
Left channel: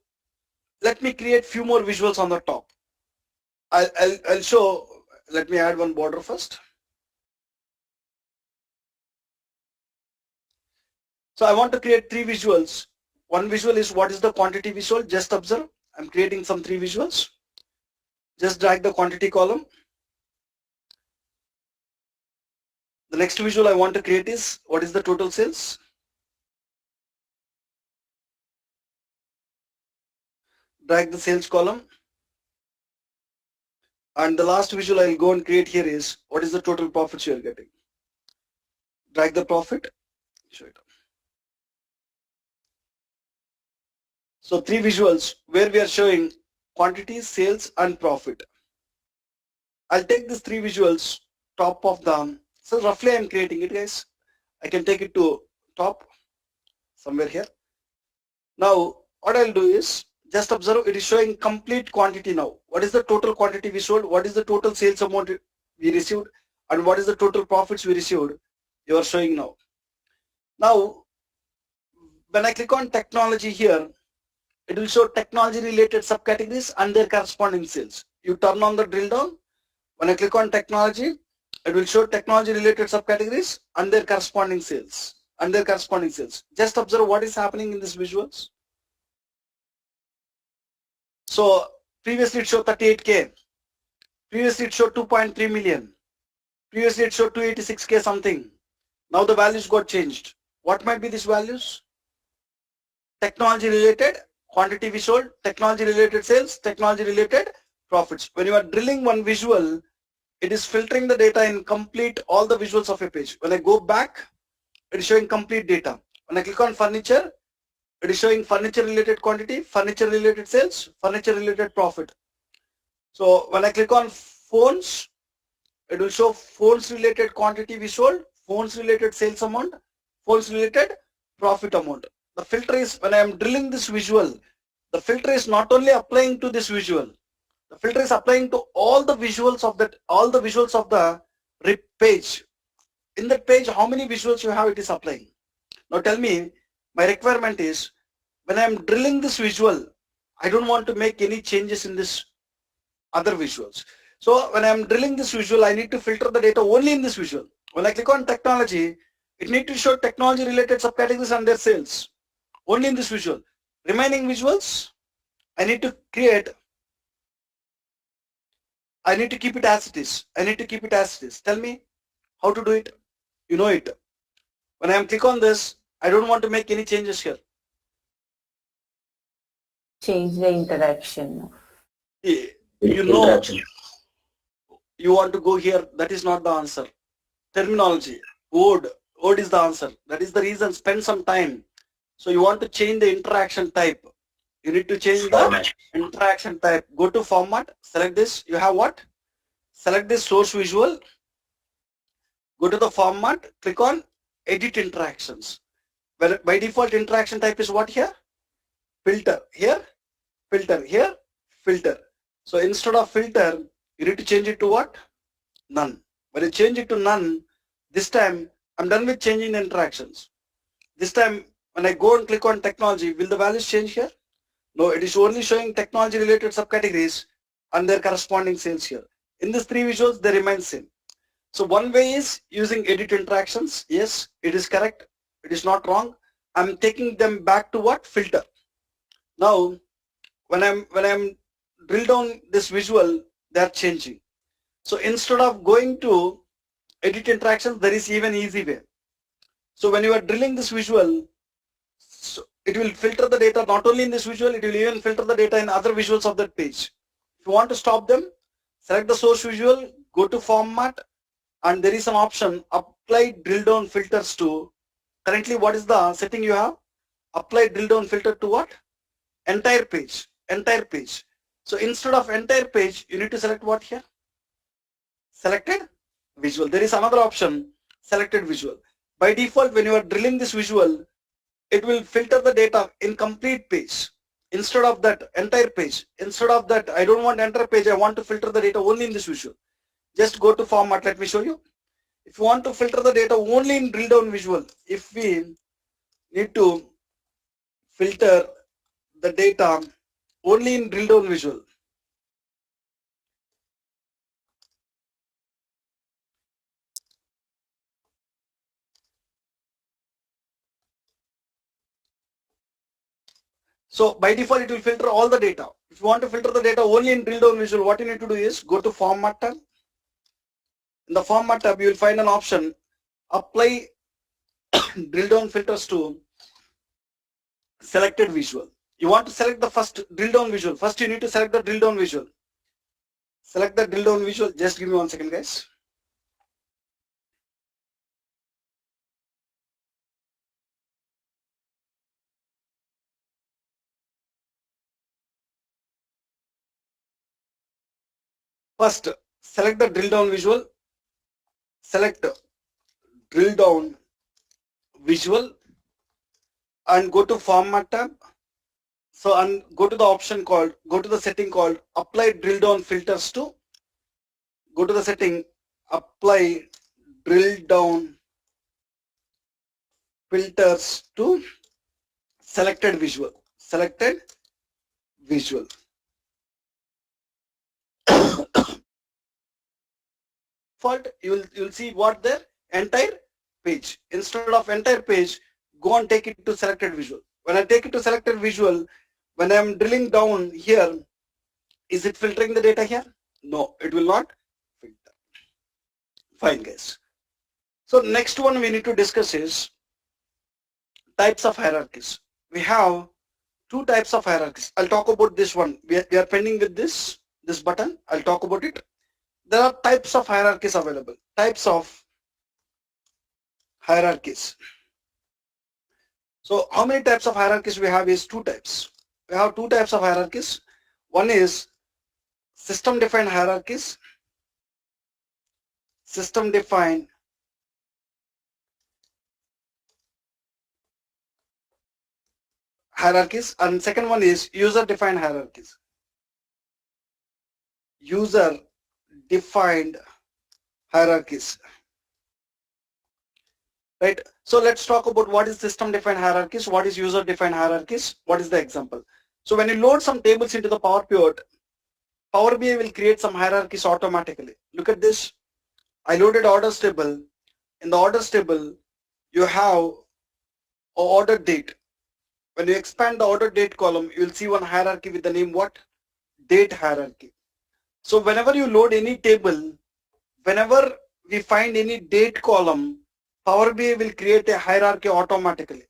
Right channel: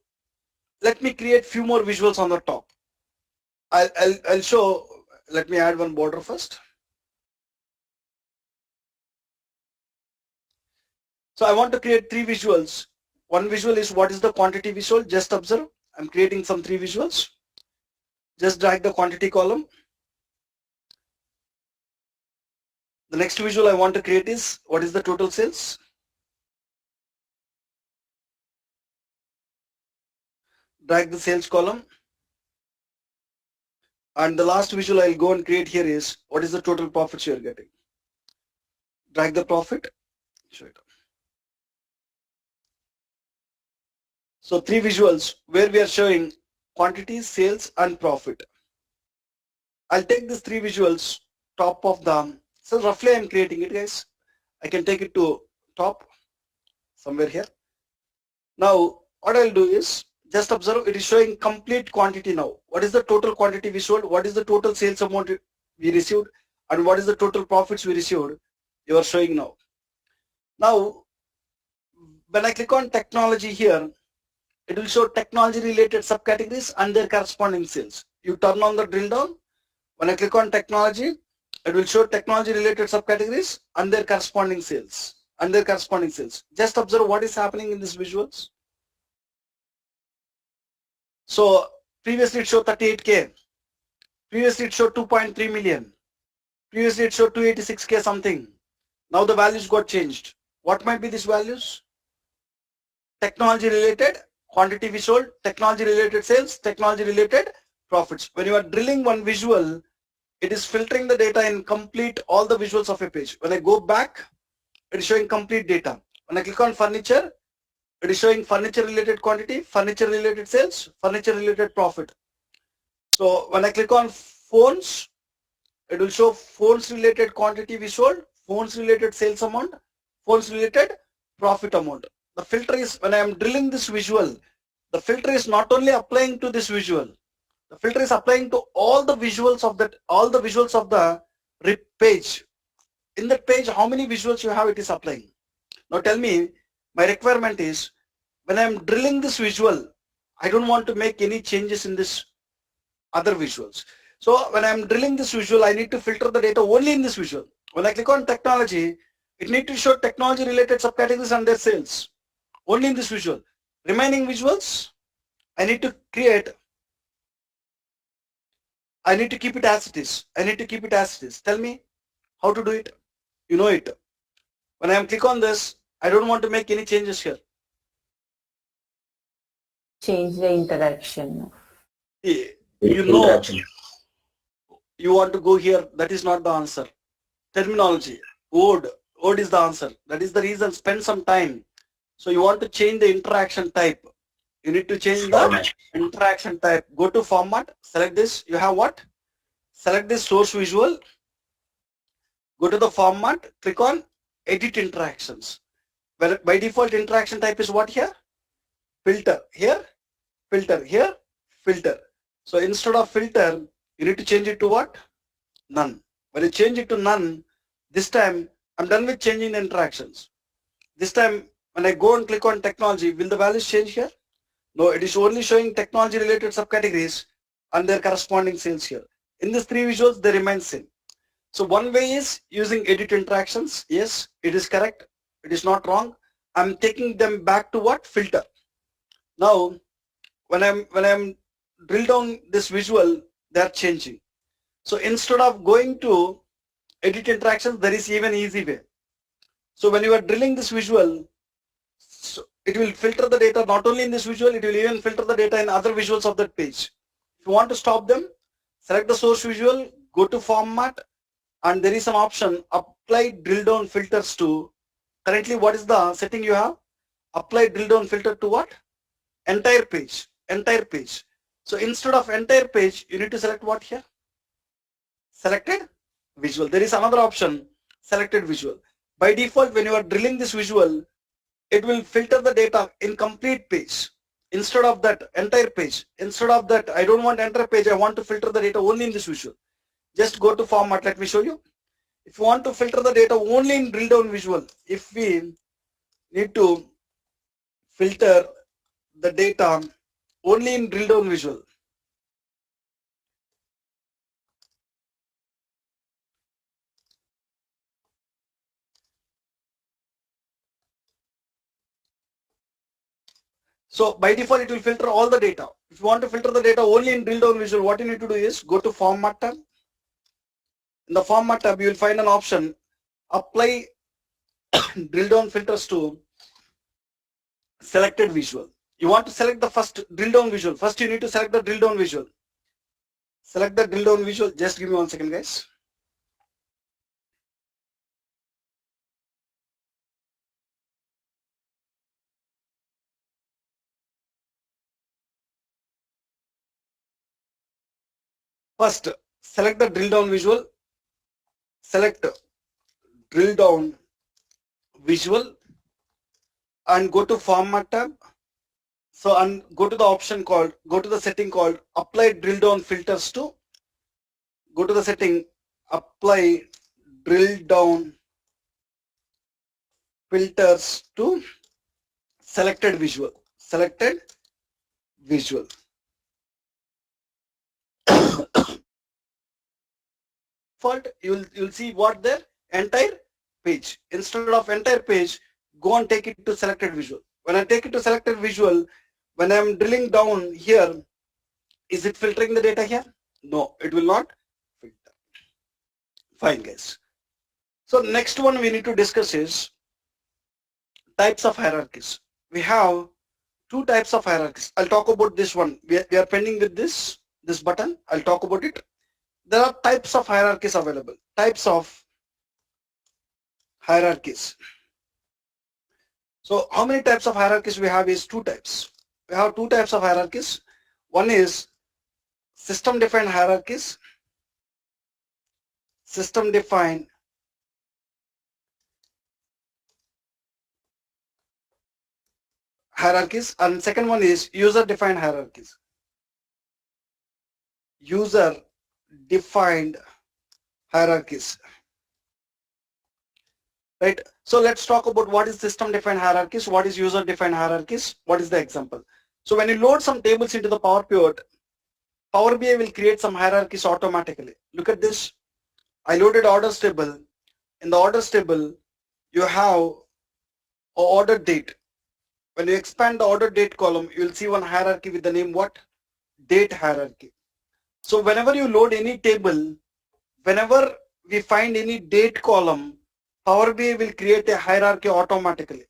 let me create few more visuals on the top. I'll show, let me add one border first. So I want to create 3 visuals. One visual is what is the quantity visual. Just observe, I'm creating some 3 visuals. Just drag the quantity column. The next visual I want to create is what is the total sales. Drag the sales column. And the last visual I'll go and create here is what is the total profits you are getting. Drag the profit, show it. So 3 visuals where we are showing quantity, sales and profit. I'll take these three visuals, top of the, so roughly I'm creating it, guys. I can take it to top, somewhere here. Now, what I'll do is, just observe, it is showing complete quantity now. What is the total quantity we sold? What is the total sales amount we received? And what is the total profits we received? You are showing now. Now, when I click on technology here, it will show technology related subcategories and their corresponding sales. You turn on the drill down. When I click on technology, it will show technology related subcategories and their corresponding sales. Just observe what is happening in these visuals. So previously it showed 38K. Previously it showed 2.3 million. Previously it showed 286K something. Now the values got changed. What might be these values? Technology related quantity we sold, technology related sales, technology related profits. When you are drilling one visual, it is filtering the data in complete all the visuals of a page. When I go back, it is showing complete data. When I click on furniture, it is showing furniture related quantity, furniture related sales, furniture related profit. So when I click on phones, it will show phones related quantity we sold, phones related sales amount, phones related profit amount. The filter is, when I am drilling this visual, the filter is not only applying to this visual, the filter is applying to all the visuals of that, all the visuals of the page. In that page, how many visuals you have, it is applying. Now tell me, my requirement is, when I am drilling this visual, I don't want to make any changes in this other visuals. So when I am drilling this visual, I need to filter the data only in this visual. When I click on technology, it needs to show technology related subcategories and their sales only in this visual. Remaining visuals, I need to create, I need to keep it as it is. Tell me how to do it. You know it. When I am click on this, I don't want to make any changes here. Change the interaction. You know, you want to go here, that is not the answer. Terminology, word is the answer. That is the reason, spend some time. So you want to change the interaction type. You need to change the interaction type. Go to format, select this. You have what? Select this source visual. Go to the format, click on edit interactions. Well, by default interaction type is what here? Filter. Here, filter. Here, filter. So instead of filter, you need to change it to what? None. When you change it to none, this time I'm done with changing the interactions. This time when I go and click on technology, will the values change here? No, it is only showing technology related subcategories and their corresponding sales here. In these three visuals, they remain same. So one way is using edit interactions. Yes, it is correct. It is not wrong. I'm taking them back to what? Filter. Now, when I'm drill down this visual, they are changing. So instead of going to edit interactions, there is even easy way. So when you are drilling this visual, so it will filter the data not only in this visual, it will even filter the data in other visuals of that page. If you want to stop them, select the source visual, go to format, and there is an option, apply drill down filters to, currently what is the setting you have? Apply drill down filter to what? Entire page. So instead of entire page, you need to select what here? Selected visual. There is another option, selected visual. By default, when you are drilling this visual, it will filter the data in complete page. Instead of that entire page, instead of that, I don't want entire page, I want to filter the data only in this visual. Just go to format, let me show you. If you want to filter the data only in drill down visual, if we need to filter the data only in drill down visual, so by default it will filter all the data. If you want to filter the data only in drill down visual, what you need to do is go to format tab. In the format tab, you will find an option, apply drill down filters to selected visual. You want to select the first drill down visual. First you need to select the drill down visual. Select the drill down visual. Just give me 1 second, guys. First, select the drill down visual, select drill down visual and go to format tab. So and go to the option called, go to the setting called apply drill down filters to, go to the setting, apply drill down filters to selected visual, selected visual. Default, you'll see what there, entire page. Instead of entire page, go and take it to selected visual. When I take it to selected visual, when I'm drilling down here, is it filtering the data here? No, it will not filter. Fine, guys. So next one we need to discuss is types of hierarchies. We have two types of hierarchies. I'll talk about this one. We are pending with this button. I'll talk about it. There are types of hierarchies available. Types of hierarchies. So how many types of hierarchies we have is two types. We have two types of hierarchies. One is system defined hierarchies. System defined hierarchies, and second one is user defined hierarchies. User defined hierarchies. Right. So let's talk about what is system defined hierarchies, what is user defined hierarchies, what is the example. So when you load some tables into the Power Pivot, Power BI will create some hierarchies automatically. Look at this. I loaded orders table. In the orders table, you have a order date. When you expand the order date column, you will see one hierarchy with the name what? Date hierarchy. So whenever you load any table, whenever we find any date column, Power BI will create a hierarchy automatically.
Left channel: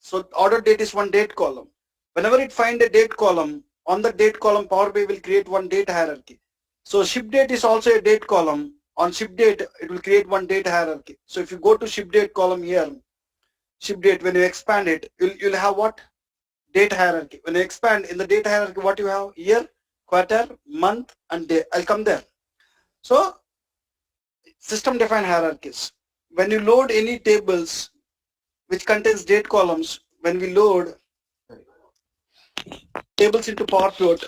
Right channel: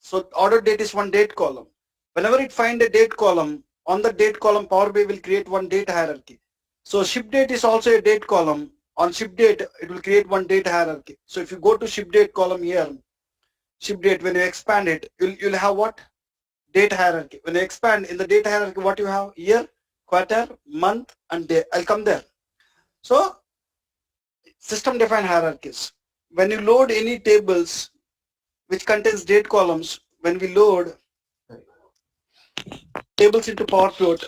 So order date is one date column. Whenever it find a date column, on the date column, Power BI will create one date hierarchy. So ship date is also a date column. On ship date, it will create one date hierarchy. So if you go to ship date column here, ship date, when you expand it, you'll have what? Date hierarchy. When you expand in the date hierarchy, what you have? Year, quarter, month, and day. I'll come there. So system defined hierarchies. When you load any tables which contains date columns, when we load tables into Power Pivot,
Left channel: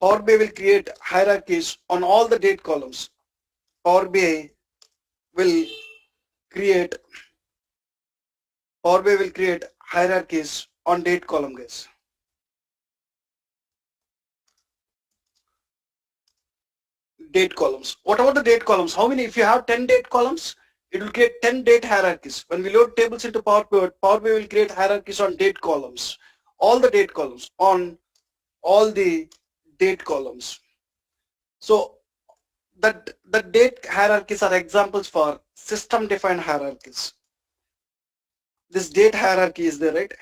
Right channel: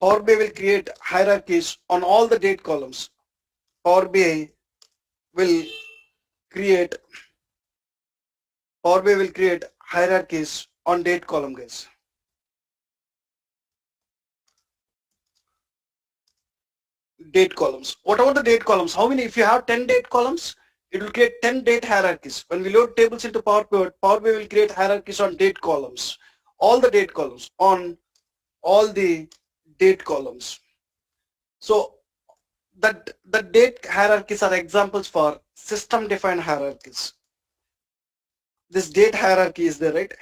Power BI will create hierarchies on all the date columns. Power BI will create hierarchies on date column, guys. Date columns. What about the date columns? How many? If you have 10 date columns, it will create 10 date hierarchies. When we load tables into Power Pivot, Power BI will create hierarchies on date columns. All the date columns, on all the date columns. So the date hierarchies are examples for system defined hierarchies. This date hierarchy is there, right?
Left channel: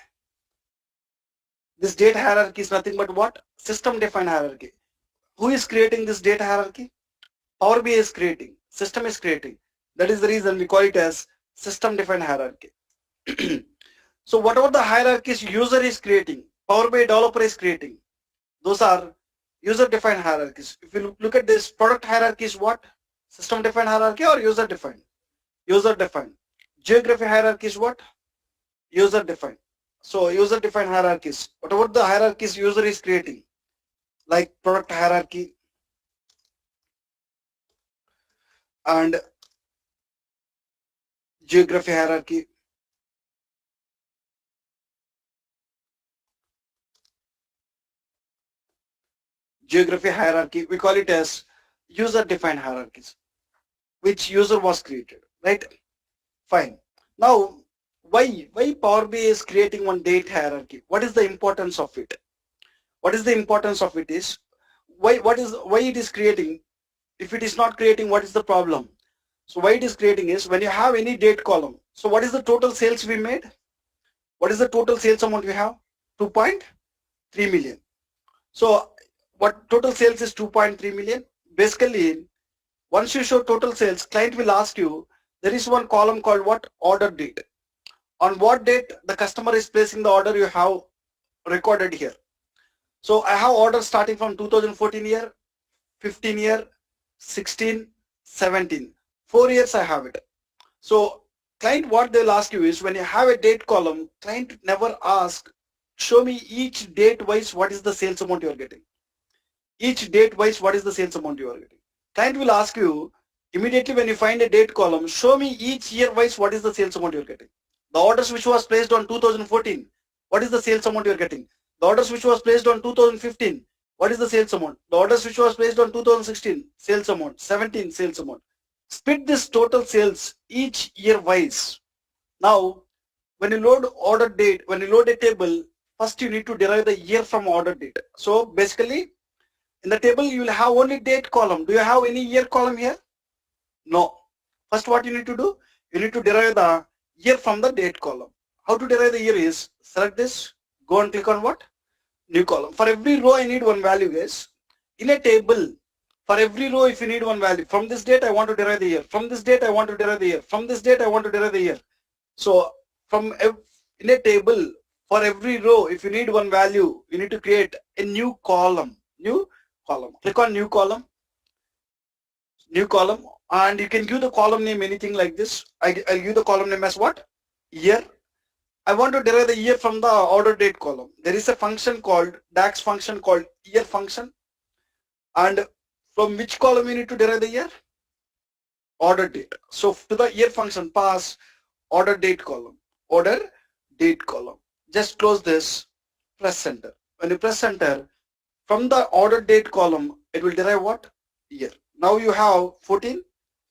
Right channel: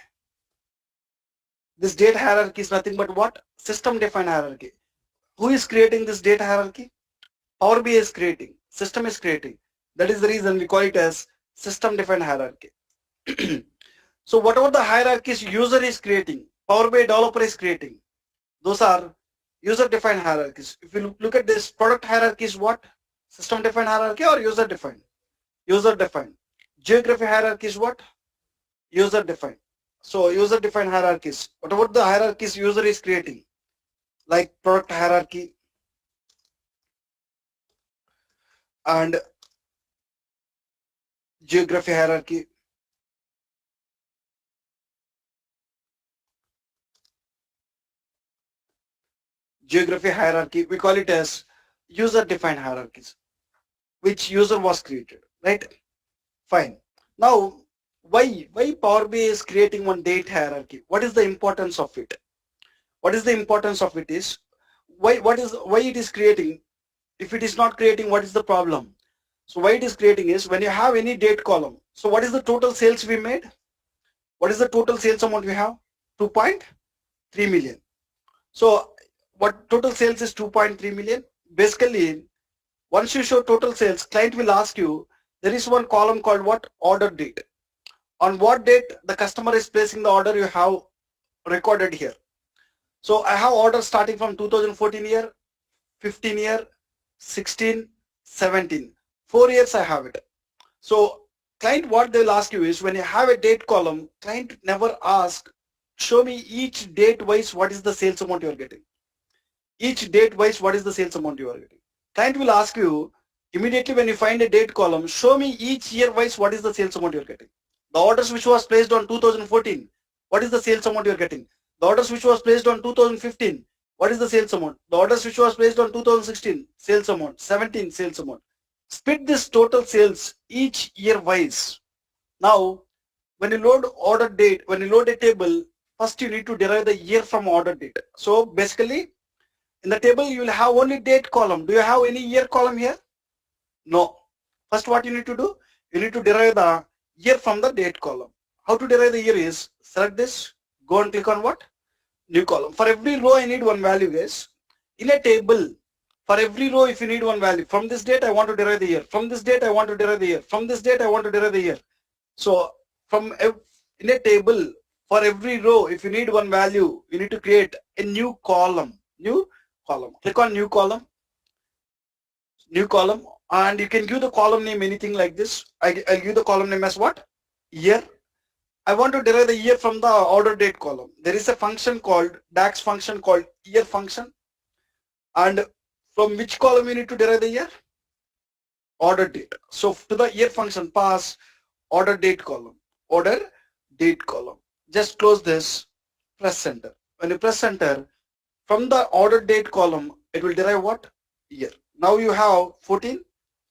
This date hierarchy is nothing but what? System defined hierarchy. Who is creating this date hierarchy? Power BI is creating, system is creating. That is the reason we call it as system defined hierarchy. So whatever the hierarchies user is creating, Power BI developer is creating, those are user defined hierarchies. If you look at this, product hierarchy is what? System defined hierarchy or user defined? User defined. Geography hierarchy is what? User defined. So user defined hierarchies, whatever the hierarchies user is creating, like product hierarchy and geography hierarchy, we call it as user defined hierarchies, which user was created, right? Fine. Now why Power BI is creating one date hierarchy? What is the importance of it? What is the importance of it is why it is creating? If it is not creating, what is the problem? So why it is creating is when you have any date column. So what is the total sales we made? What is the total sales amount we have? 2.3 million. So what total sales is 2.3 million? Basically, once you show total sales, client will ask you, there is one column called what? Order date. On what date the customer is placing the order, you have recorded here. So I have orders starting from 2014 year, 15 year, 16, 17. 4 years I have it. So client, what they'll ask you is, when you have a date column, client never ask, show me each date wise what is the sales amount you are getting. Each date wise what is the sales amount you are getting. Client will ask you immediately when you find a date column, show me each year wise what is the sales amount you are getting. The orders which was placed on 2014, what is the sales amount you are getting? The orders which was placed on 2015, what is the sales amount? The orders which was placed on 2016, sales amount, 17 sales amount. Split this total sales each year wise. Now, when you load order date, when you load a table, first you need to derive the year from order date. So basically, in the table you will have only date column. Do you have any year column here? No. First what you need to do? You need to derive the year from the date column. How to derive the year is, select this, go and click on what? New column. For every row I need one value, guys. In a table, for every row if you need one value, from this date I want to derive the year, from this date I want to derive the year, from this date I want to derive the year. So in a table, for every row if you need one value, you need to create a new column. New column. Click on new column. New column, and you can give the column name anything like this. I'll give the column name as what? Year. I want to derive the year from the order date column. There is a function called DAX function called year function, and from which column you need to derive the year? Order date. So to the year function pass order date column. Order date column. Just close this, press enter. When you press enter, from the order date column it will derive what? Year. Now you have 14,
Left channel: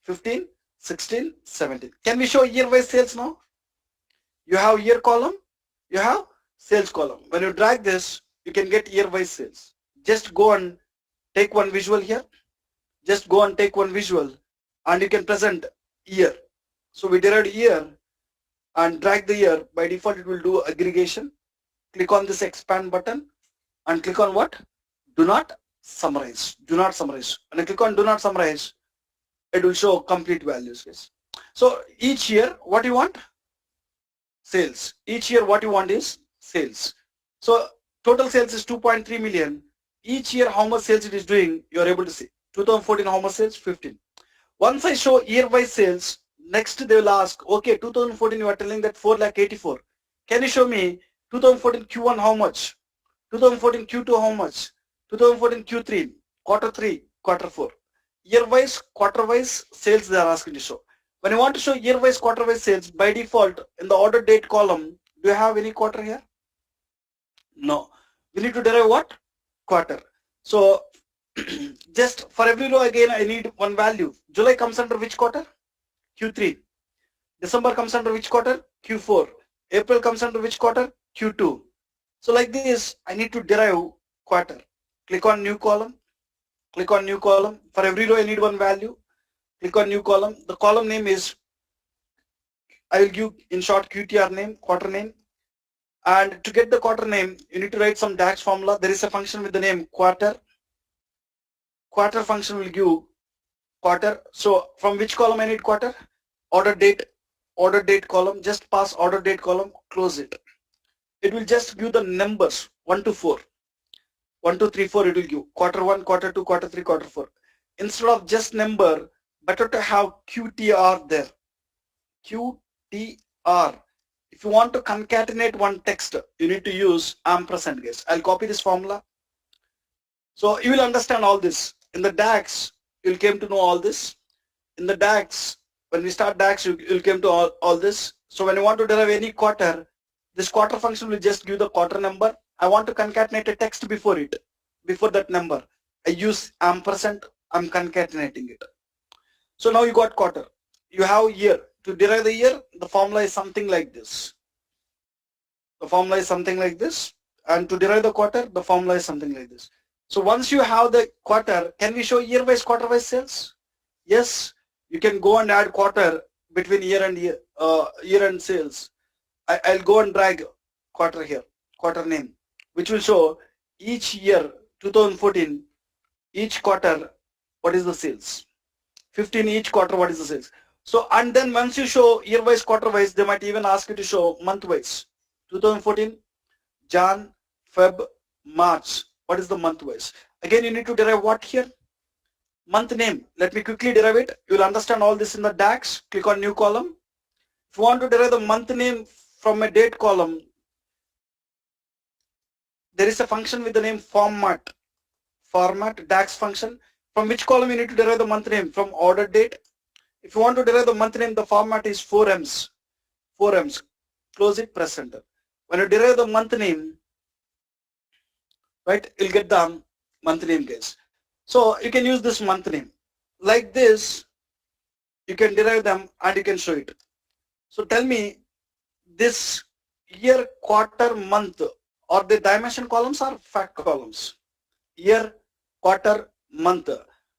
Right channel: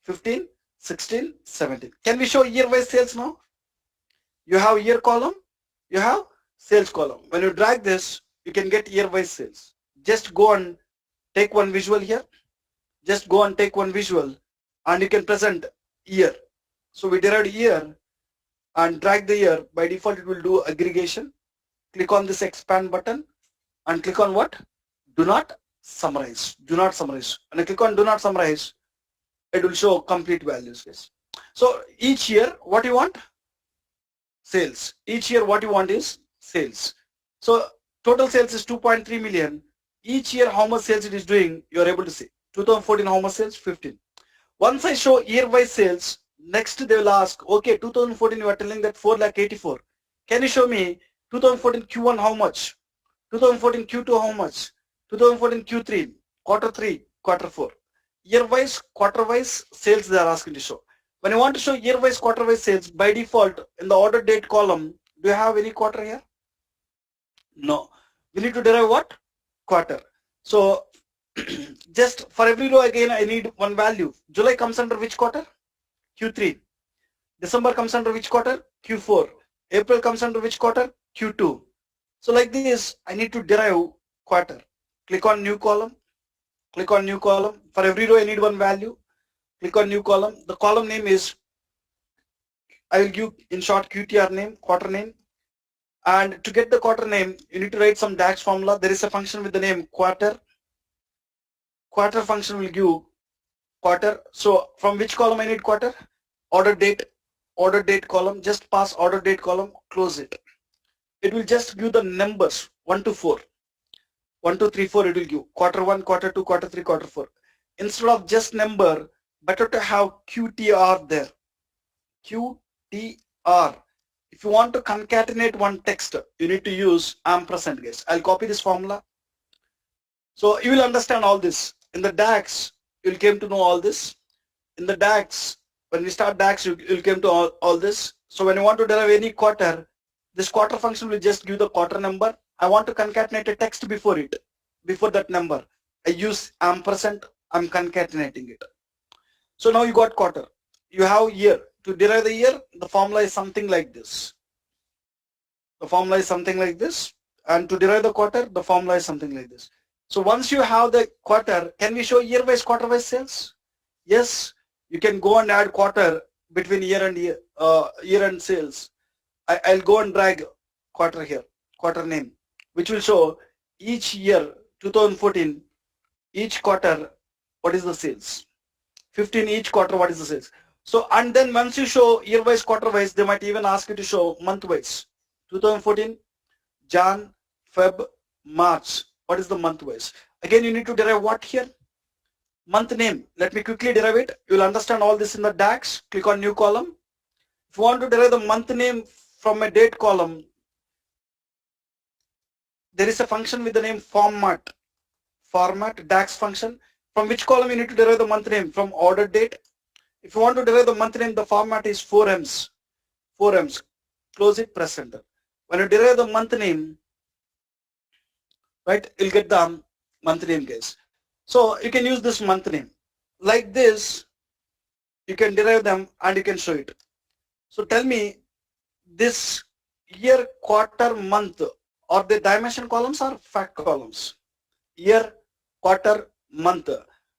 15, 16, 17. Can we show year wise sales now? You have year column, you have sales column. When you drag this, you can get year wise sales. Just go and take one visual here. Just go and take one visual and you can present year. So we derived year and drag the year. By default it will do aggregation. Click on this expand button and click on what? Do not summarize. Do not summarize. When I click on do not summarize, it will show complete values. Yes. So each year what you want? Sales. Each year what you want is sales. So total sales is 2.3 million. Each year how much sales it is doing, you are able to see. 2014 how much sales? 15. Once I show year wise sales, next they will ask, okay, 2014 you are telling that 4,84,000. Can you show me 2014 Q1 how much? 2014 Q2 how much? 2014 Q3, quarter 3, quarter 4. Year wise, quarter wise sales they are asking to show. When you want to show year wise, quarter wise sales, by default in the order date column, do you have any quarter here? No. We need to derive what? Quarter. So just for every row again I need one value. July comes under which quarter? Q3. December comes under which quarter? Q4. April comes under which quarter? Q2. So like this I need to derive quarter. Click on new column. Click on new column. For every row I need one value. Click on new column. The column name is, I will give in short QTR name, quarter name. And to get the quarter name, you need to write some DAX formula. There is a function with the name quarter. Quarter function will give quarter. So from which column I need quarter? Order date column. Just pass order date column, close it. It will just give the numbers 1 to 4. 1, 2, 3, 4 it will give. Quarter 1, quarter 2, quarter 3, quarter 4. Instead of just number, better to have QTR there. QTR. If you want to concatenate one text, you need to use ampersand, guys. I'll copy this formula. So you will understand all this. In the DAX, you'll came to know all this. In the DAX, when we start DAX, you'll came to all this. So when you want to derive any quarter, this quarter function will just give the quarter number. I want to concatenate a text before it, before that number. I use ampersand, I'm concatenating it. So now you got quarter. You have year. To derive the year, the formula is something like this. The formula is something like this. And to derive the quarter, the formula is something like this. So once you have the quarter, can we show year wise, quarter wise sales? Yes, you can go and add quarter between year and sales. I'll go and drag quarter here, quarter name, which will show each year, 2014, each quarter, what is the sales? 15 each quarter, what is the sales? So, and then once you show year wise, quarter wise, they might even ask you to show month wise. 2014, Jan, Feb, March. What is the month wise? Again, you need to derive what here? Month name. Let me quickly derive it. You will understand all this in the DAX. Click on new column. If you want to derive the month name from a date column, there is a function with the name format DAX function. From which column you need to derive the month name? From order date. If you want to derive the month name, the format is 4ems. Close it, press enter. When you derive the month name, right, you'll get the month name, guys. So you can use this month name like this. You can derive them and you can show it. So tell me, this year, quarter, month, are they dimension columns or fact columns? Year, quarter, month,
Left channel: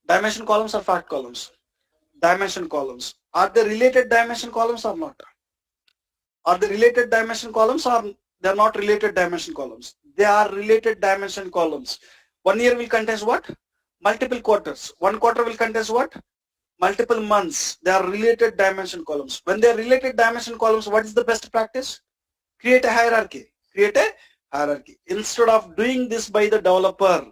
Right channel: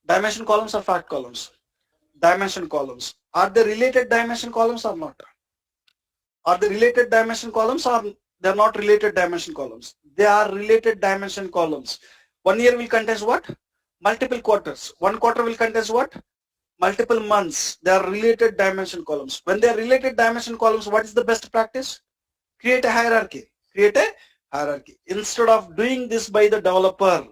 dimension columns or fact columns? Dimension columns. Are they related dimension columns or not? Are they related dimension columns or they are not related dimension columns? They are related dimension columns. 1 year will contain what? Multiple quarters. 1 quarter will contain what? Multiple months. They are related dimension columns. When they are related dimension columns, what is the best practice? Create a hierarchy. Create a hierarchy. Instead of doing this by the developer,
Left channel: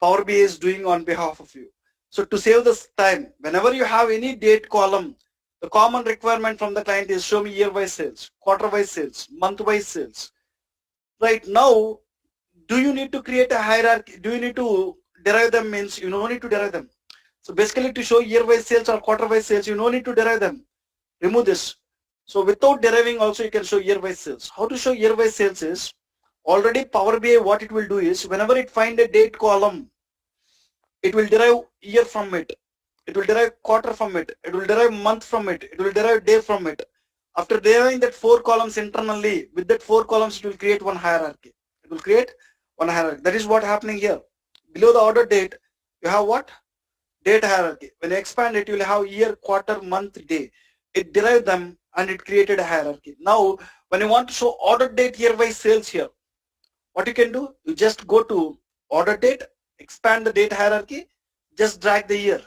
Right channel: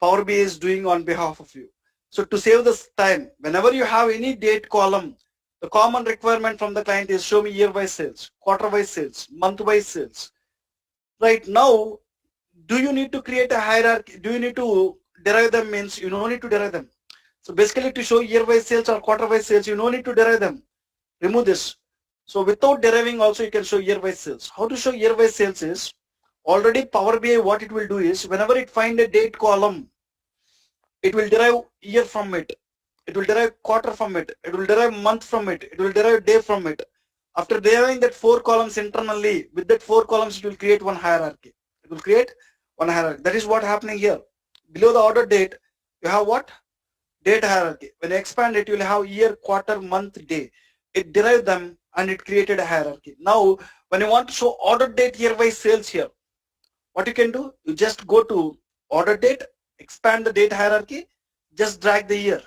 Power BI is doing on behalf of you. So to save this time, whenever you have any date column, the common requirement from the client is show me year-wise sales, quarter-wise sales, month-wise sales. Right now, do you need to create a hierarchy? Do you need to derive them? Means you don't need to derive them. So basically to show year-wise sales or quarter-wise sales, you don't need to derive them. Remove this. So without deriving also you can show year-wise sales. How to show year-wise sales is, already Power BI what it will do is, whenever it find a date column, it will derive year from it. It will derive quarter from it. It will derive month from it. It will derive day from it. After deriving that 4 columns internally, with that 4 columns it will create one hierarchy. It will create one hierarchy. That is what happening here. Below the order date, you have what? Date hierarchy. When you expand it, you will have year, quarter, month, day. It derived them and it created a hierarchy. Now, when you want to show order date year-wise sales here, what you can do? You just go to order date, expand the date hierarchy, just drag the year,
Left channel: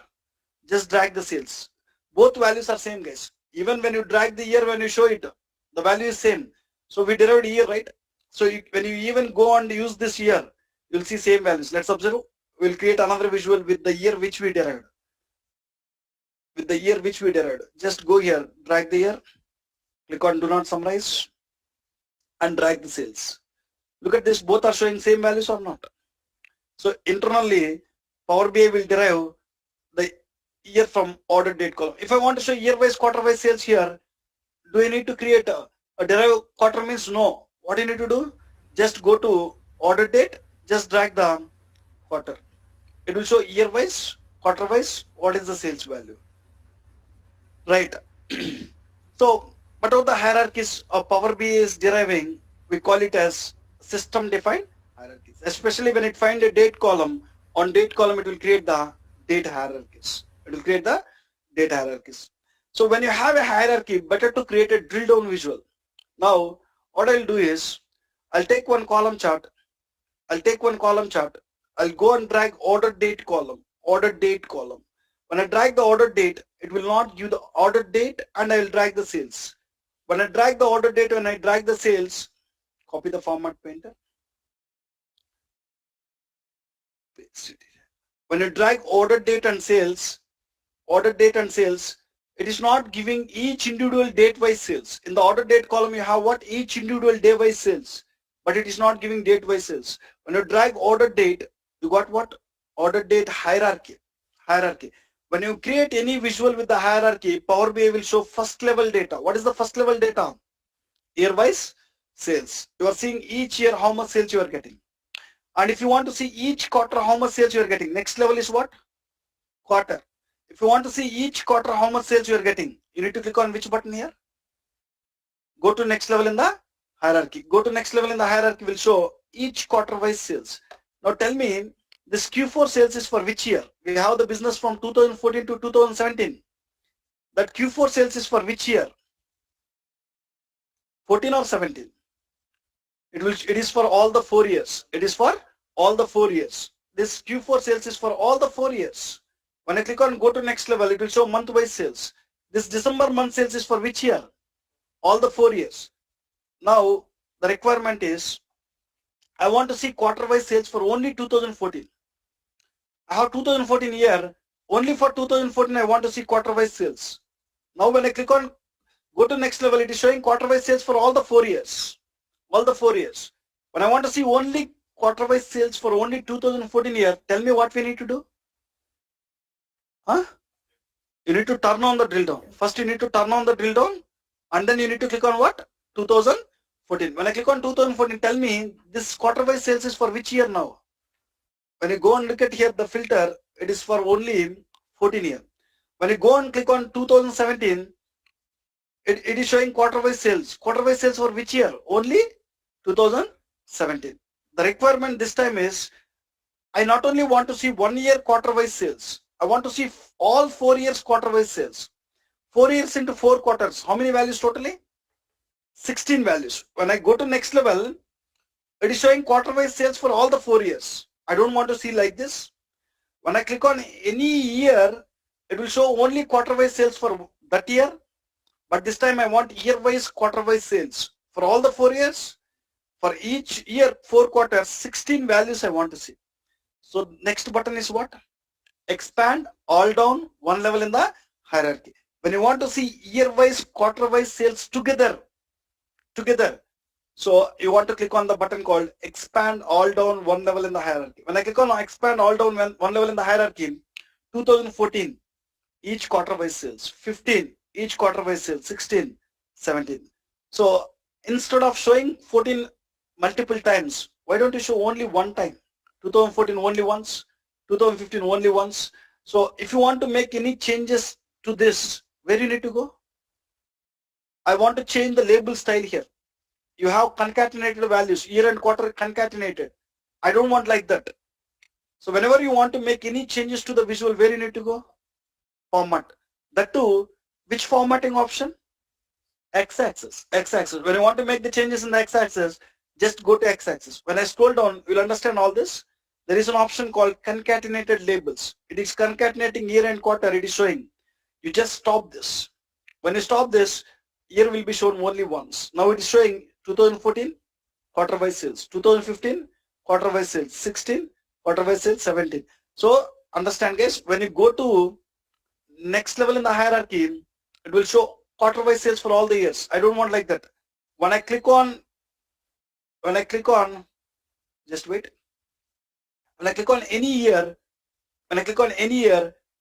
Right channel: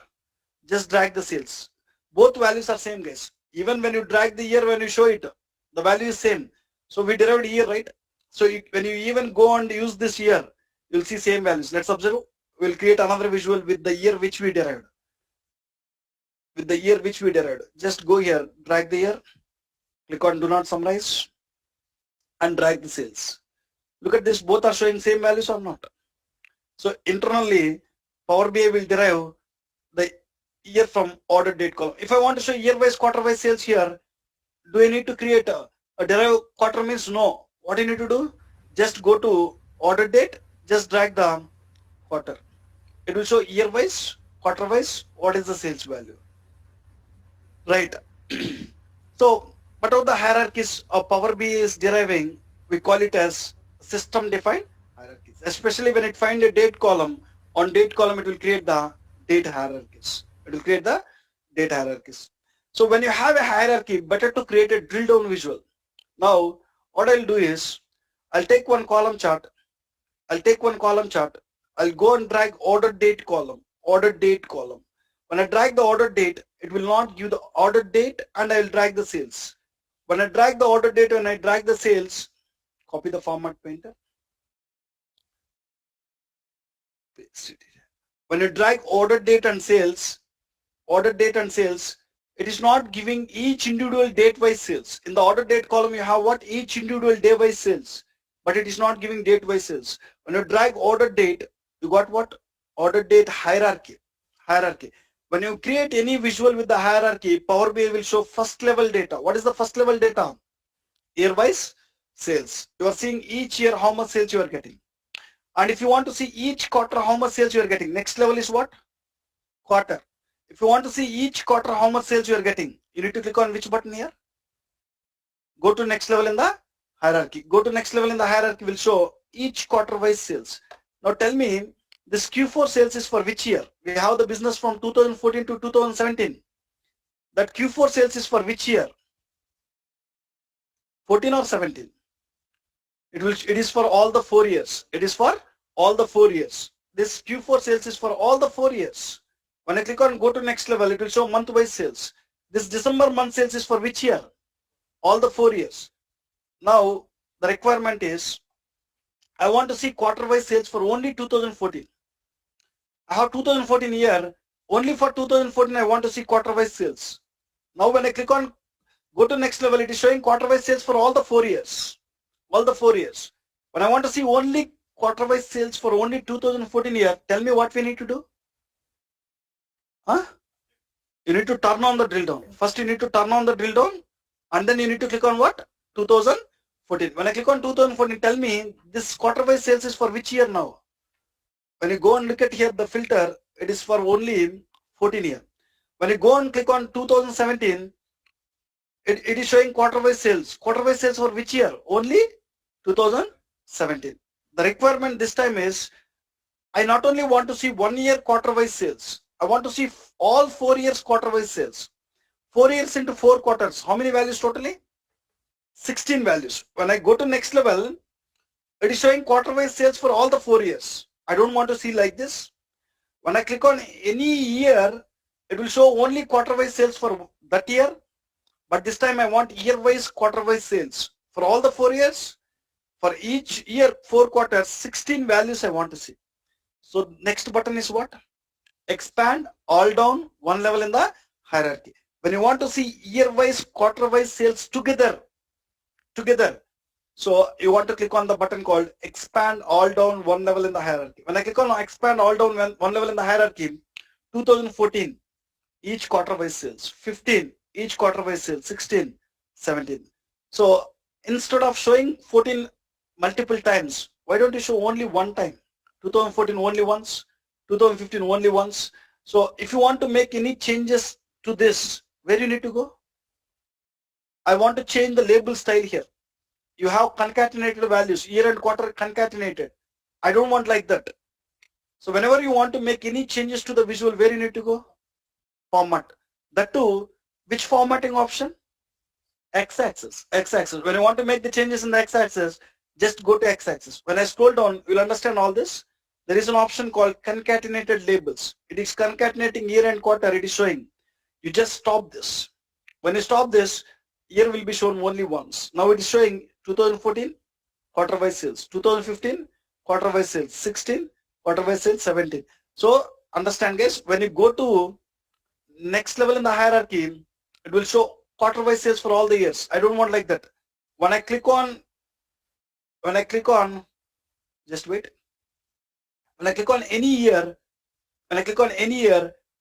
just drag the sales. Both values are same, guys. Even when you drag the year, when you show it, the value is same. So we derived year, right? So when you even go and use this year, you'll see same values. Let's observe. We'll create another visual with the year which we derived. With the year which we derived. Just go here, drag the year, click on do not summarize, and drag the sales. Look at this, both are showing same values or not? So internally, Power BI will derive the year from order date column. If I want to show year-wise, quarter-wise sales here, do I need to create a derive quarter? Means no. What do you need to do? Just go to order date, just drag the quarter. It will show year-wise, quarter-wise, what is the sales value. Right. So, what are the hierarchies of Power BI is deriving? We call it as system-defined hierarchies. Especially when it find a date column, on date column it will create the date hierarchies. It will create the date hierarchies. So when you have a hierarchy, better to create a drill down visual. Now, what I'll do is, I'll take one column chart. I'll go and drag order date column. When I drag the order date, it will not give the order date, and I will drag the sales. When I drag the order date, when I drag the sales, copy the format painter. When you drag order date and sales, it is not giving each individual date-wise sales. In the order date column, you have what? Each individual day-wise sales, but it is not giving date-wise sales. When you drag order date, you got what? Order date hierarchy. When you create any visual with the hierarchy, Power BI will show first level data. What is the first level data? Year-wise sales. You are seeing each year how much sales you are getting. And if you want to see each quarter how much sales you are getting, next level is what? Quarter. If you want to see each quarter how much sales you are getting, you need to click on which button here? Go to next level in the hierarchy. Will show each quarter wise sales. Now tell me, this Q4 sales is for which year? We have the business from 2014 to 2017. That Q4 sales is for which year? 14 or 17? It is for all the 4 years. This Q4 sales is for all the 4 years. When I click on go to next level, it will show month wise sales. This December month sales is for which year? All the 4 years. Now the requirement is, I want to see quarter-wise sales for only 2014. I have 2014 year. Only for 2014, I want to see quarter-wise sales. Now when I click on go to next level, it is showing quarter-wise sales for all the 4 years. All the 4 years. When I want to see only quarter-wise sales for only 2014 year, tell me what we need to do? Huh? You need to turn on the drill down. First you need to turn on the drill down and then you need to click on what? 2014. When I click on 2014, tell me this quarter-wise sales is for which year now? When you go and look at here the filter, it is for only 14 year. When you go and click on 2017, it is showing quarter-wise sales. Quarter-wise sales for which year? Only 2017. The requirement this time is, I not only want to see 1 year quarter-wise sales, I want to see all 4 years quarter-wise sales. 4 years into 4 quarters. How many values totally? 16 values. When I go to next level, it is showing quarter-wise sales for all the 4 years. I don't want to see like this. When I click on any year, it will show only quarter-wise sales for that year. But this time I want year-wise quarter-wise sales. For all the 4 years, for each year 4 quarters, 16 values I want to see. So next button is what? Expand all down 1 level in the hierarchy. When you want to see year-wise, quarter-wise sales together. So you want to click on the button called expand all down 1 level in the hierarchy. When I click on expand all down 1 level in the hierarchy, 2014, each quarter-wise sales, 15, each quarter-wise sales, 16, 17. So instead of showing 14 multiple times, why don't you show only one time? 2014 only once, 2015 only once. So if you want to make any changes to this, where you need to go? I want to change the label style here. You have concatenated values, year and quarter concatenated. I don't want like that. So whenever you want to make any changes to the visual, where you need to go? Format. That too, which formatting option? X-axis. X-axis. When you want to make the changes in the X-axis, just go to X-axis. When I scroll down, you'll understand all this. There is an option called concatenated labels. It is concatenating year and quarter. It is showing. You just stop this. When you stop this, year will be shown only once. Now it is showing 2014 quarter-wise sales, 2015 quarter-wise sales, 16 quarter-wise sales, 17. So understand guys, when you go to next level in the hierarchy, it will show quarter-wise sales for all the years. I don't want like that. When I click on, just wait. When I click on any year,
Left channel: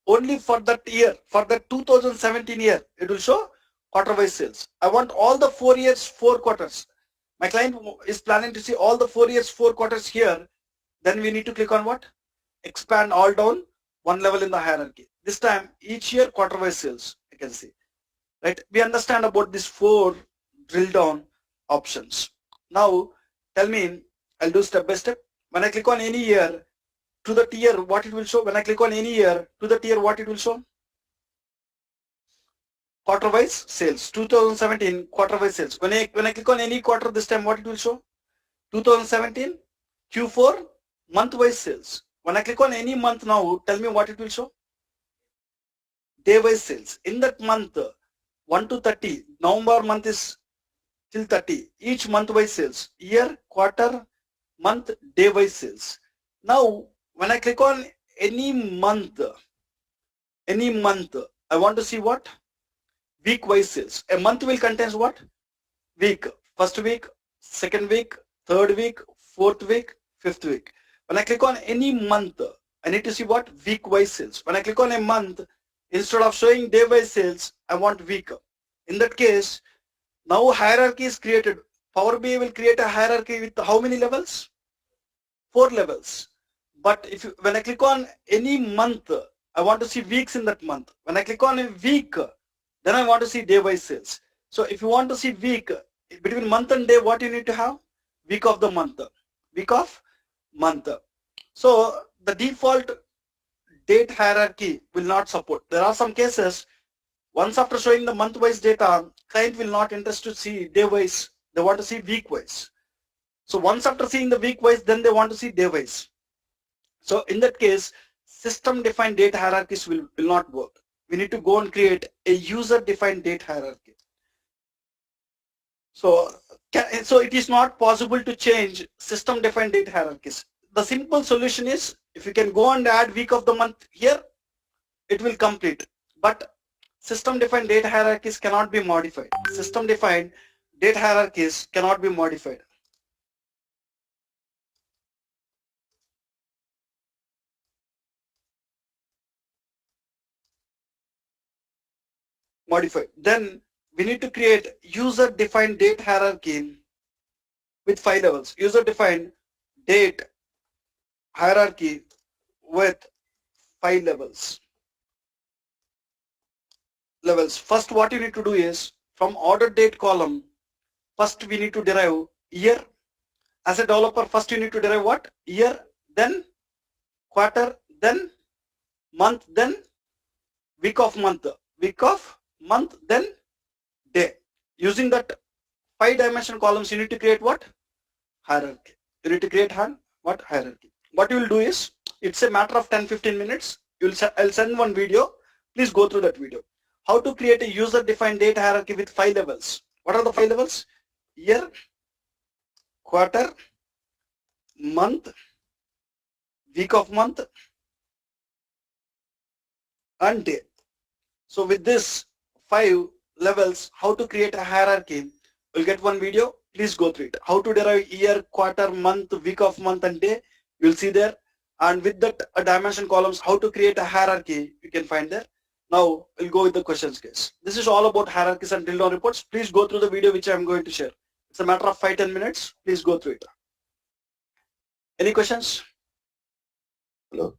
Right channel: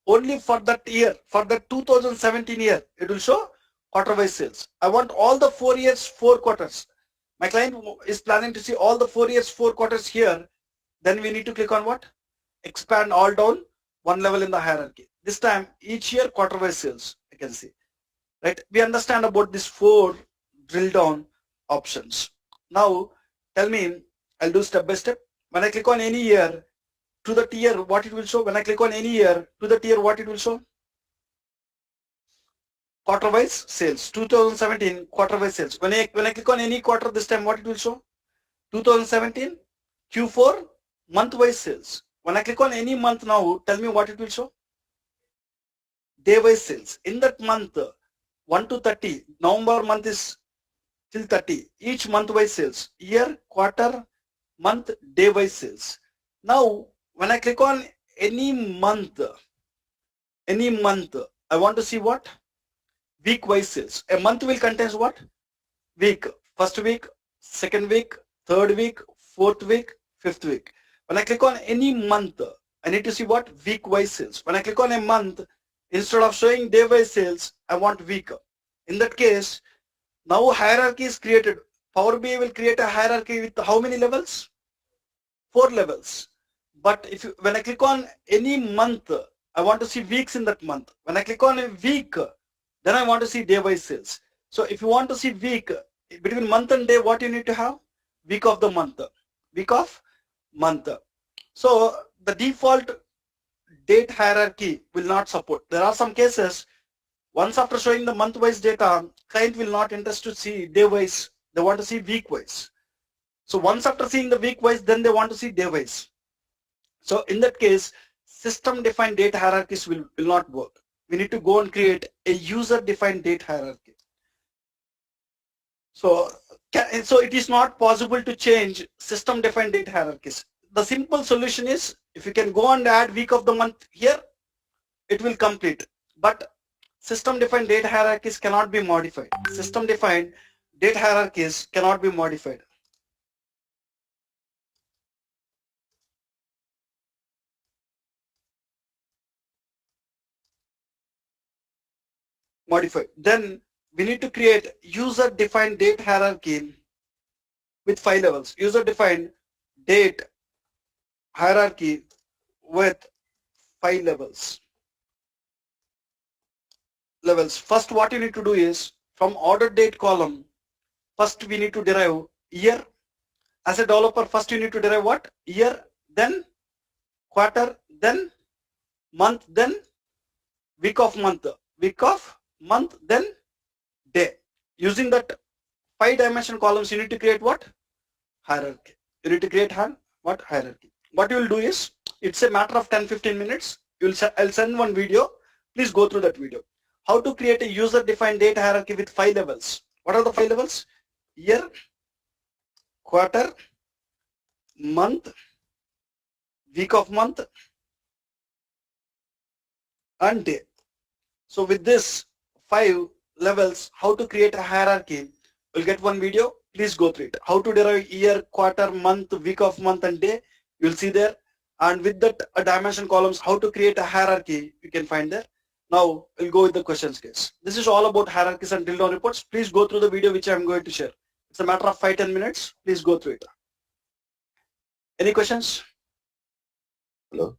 only for that year, for the 2017 year, it will show quarter-wise sales. I want all the 4 years, 4 quarters. My client is planning to see all the 4 years, 4 quarters here. Then we need to click on what? Expand all down 1 level in the hierarchy. This time, each year quarter-wise sales, I can see. Right? We understand about these 4 drill down options. Now, tell me, I'll do step by step. When I click on any year, to the tier, what it will show? When I click on any year, to the tier, what it will show? Quarter-wise sales, 2017 quarter-wise sales. When I click on any quarter this time, what it will show? 2017 Q4 month-wise sales. When I click on any month now, tell me what it will show? Day-wise sales. In that month, 1 to 30, November month is till 30. Each month-wise sales. Year, quarter, month, day-wise sales. Now, when I click on any month, I want to see what? Week-wise sales. A month will contain what? Week. First week, second week, third week, fourth week, fifth week. When I click on any month, I need to see what? Week-wise sales. When I click on a month, instead of showing day-wise sales, I want week. In that case, now hierarchy is created. Power BI will create a hierarchy with how many levels? 4 levels. But when I click on any month, I want to see weeks in that month. When I click on a week, then I want to see day-wise sales. So if you want to see week, between month and day, what you need to have? Week of the month. Week of month. So the default date hierarchy will not support. There are some cases, once after showing the month-wise data, client will not interest to see day-wise. They want to see week-wise. So once after seeing the week-wise, then they want to see day-wise. So in that case, system-defined date hierarchies will not work. We need to go and create a user-defined date hierarchy. So So it is not possible to change system defined date hierarchies. The simple solution is, if you can go and add week of the month here, it will complete. But system defined date hierarchies cannot be modified. System defined date hierarchies cannot be modified. Then we need to create user defined date hierarchy with 5 levels. User defined date hierarchy with 5 levels. First, what you need to do is, from order date column, first we need to derive year. As a developer, first you need to derive what? Year, then quarter, then month, then week of month, then day. Using that 5-dimensional columns, you need to create what? Hierarchy. You need to create what? Hierarchy. What you will do is, it's a matter of 10-15 minutes. I'll send one video. Please go through that video. How to create a user-defined date hierarchy with 5 levels. What are the 5 levels? Year, quarter, month, week of month, and day. So with this 5 levels, how to create a hierarchy, you'll get one video. Please go through it. How to derive year, quarter, month, week of month, and day, you'll see there. And with that dimension columns, how to create a hierarchy, you can find there. Now we'll go with the questions, guys. This is all about hierarchies and drill down reports. Please go through the video which I'm going to share. It's a matter of 5-10 minutes. Please go through it. Any questions? Hello.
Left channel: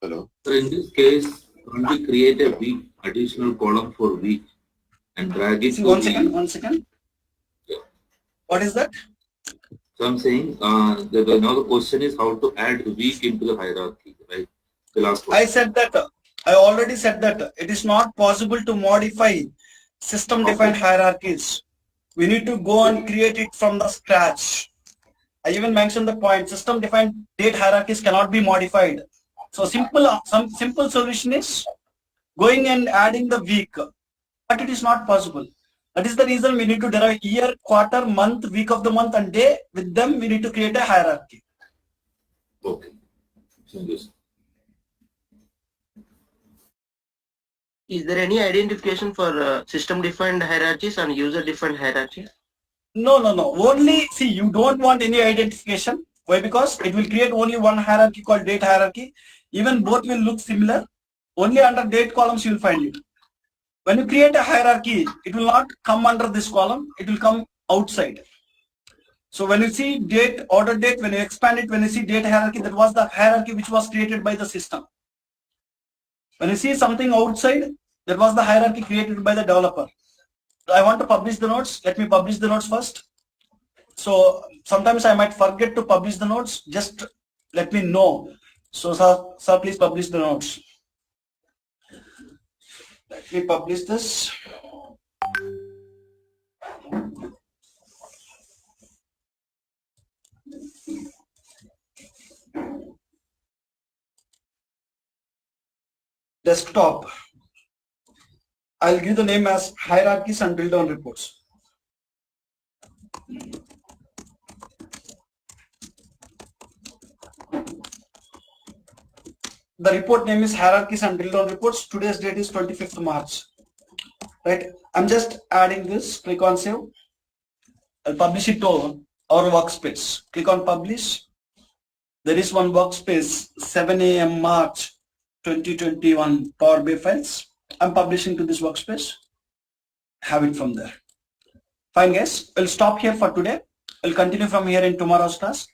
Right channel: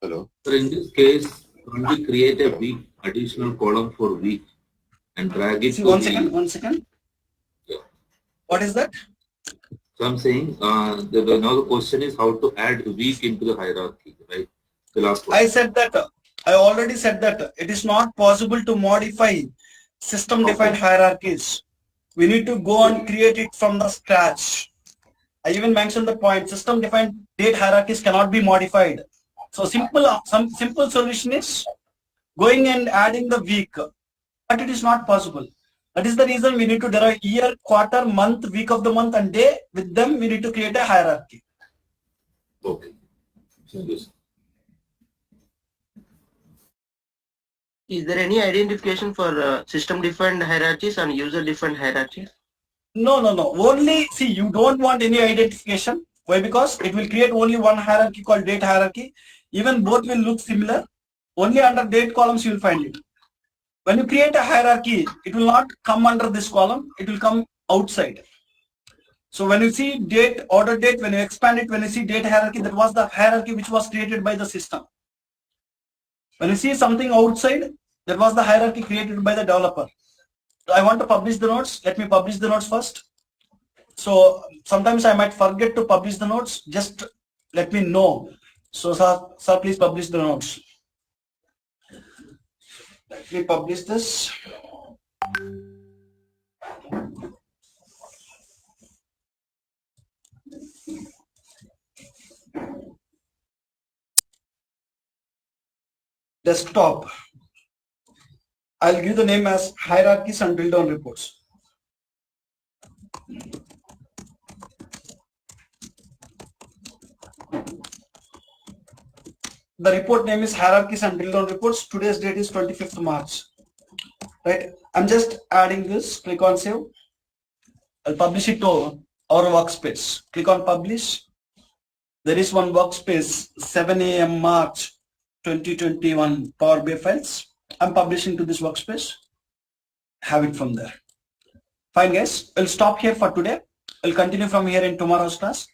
So in this case, can't we create a week additional column for week and drag it? See, one second. Yeah. What is that? So I'm saying now the question is how to add week into the hierarchy, right? The last one. I already said that it is not possible to modify system defined hierarchies. We need to go and create it from the scratch. I even mentioned the point, system defined date hierarchies cannot be modified. So some simple solution is going and adding the week, but it is not possible. That is the reason we need to derive year, quarter, month, week of the month, and day. With them, we need to create a hierarchy. Okay. Is there any identification for system-defined hierarchies and user-defined hierarchies? No. Only, see, you don't want any identification. Why? Because it will create only one hierarchy called date hierarchy. Even both will look similar. Only under date columns you will find it. When you create a hierarchy, it will not come under this column. It will come outside. So when you see date, order date, when you expand it, when you see date hierarchy, that was the hierarchy which was created by the system. When you see something outside, that was the hierarchy created by the developer. I want to publish the notes. Let me publish the notes first. So sometimes I might forget to publish the notes. Just let me know. So sir, please publish the notes. Let me publish this. Desktop. I'll give the name as hierarchies and drill down reports. The report name is hierarchies and drill down reports. Today's date is 25th March. Right. I'm just adding this. Click on save. I'll publish it to our workspace. Click on publish. There is one workspace, 7 a.m. March 2021 Power BI files. I'm publishing to this workspace. Have it from there. Fine, guys. I'll stop here for today. I'll continue from here in tomorrow's class.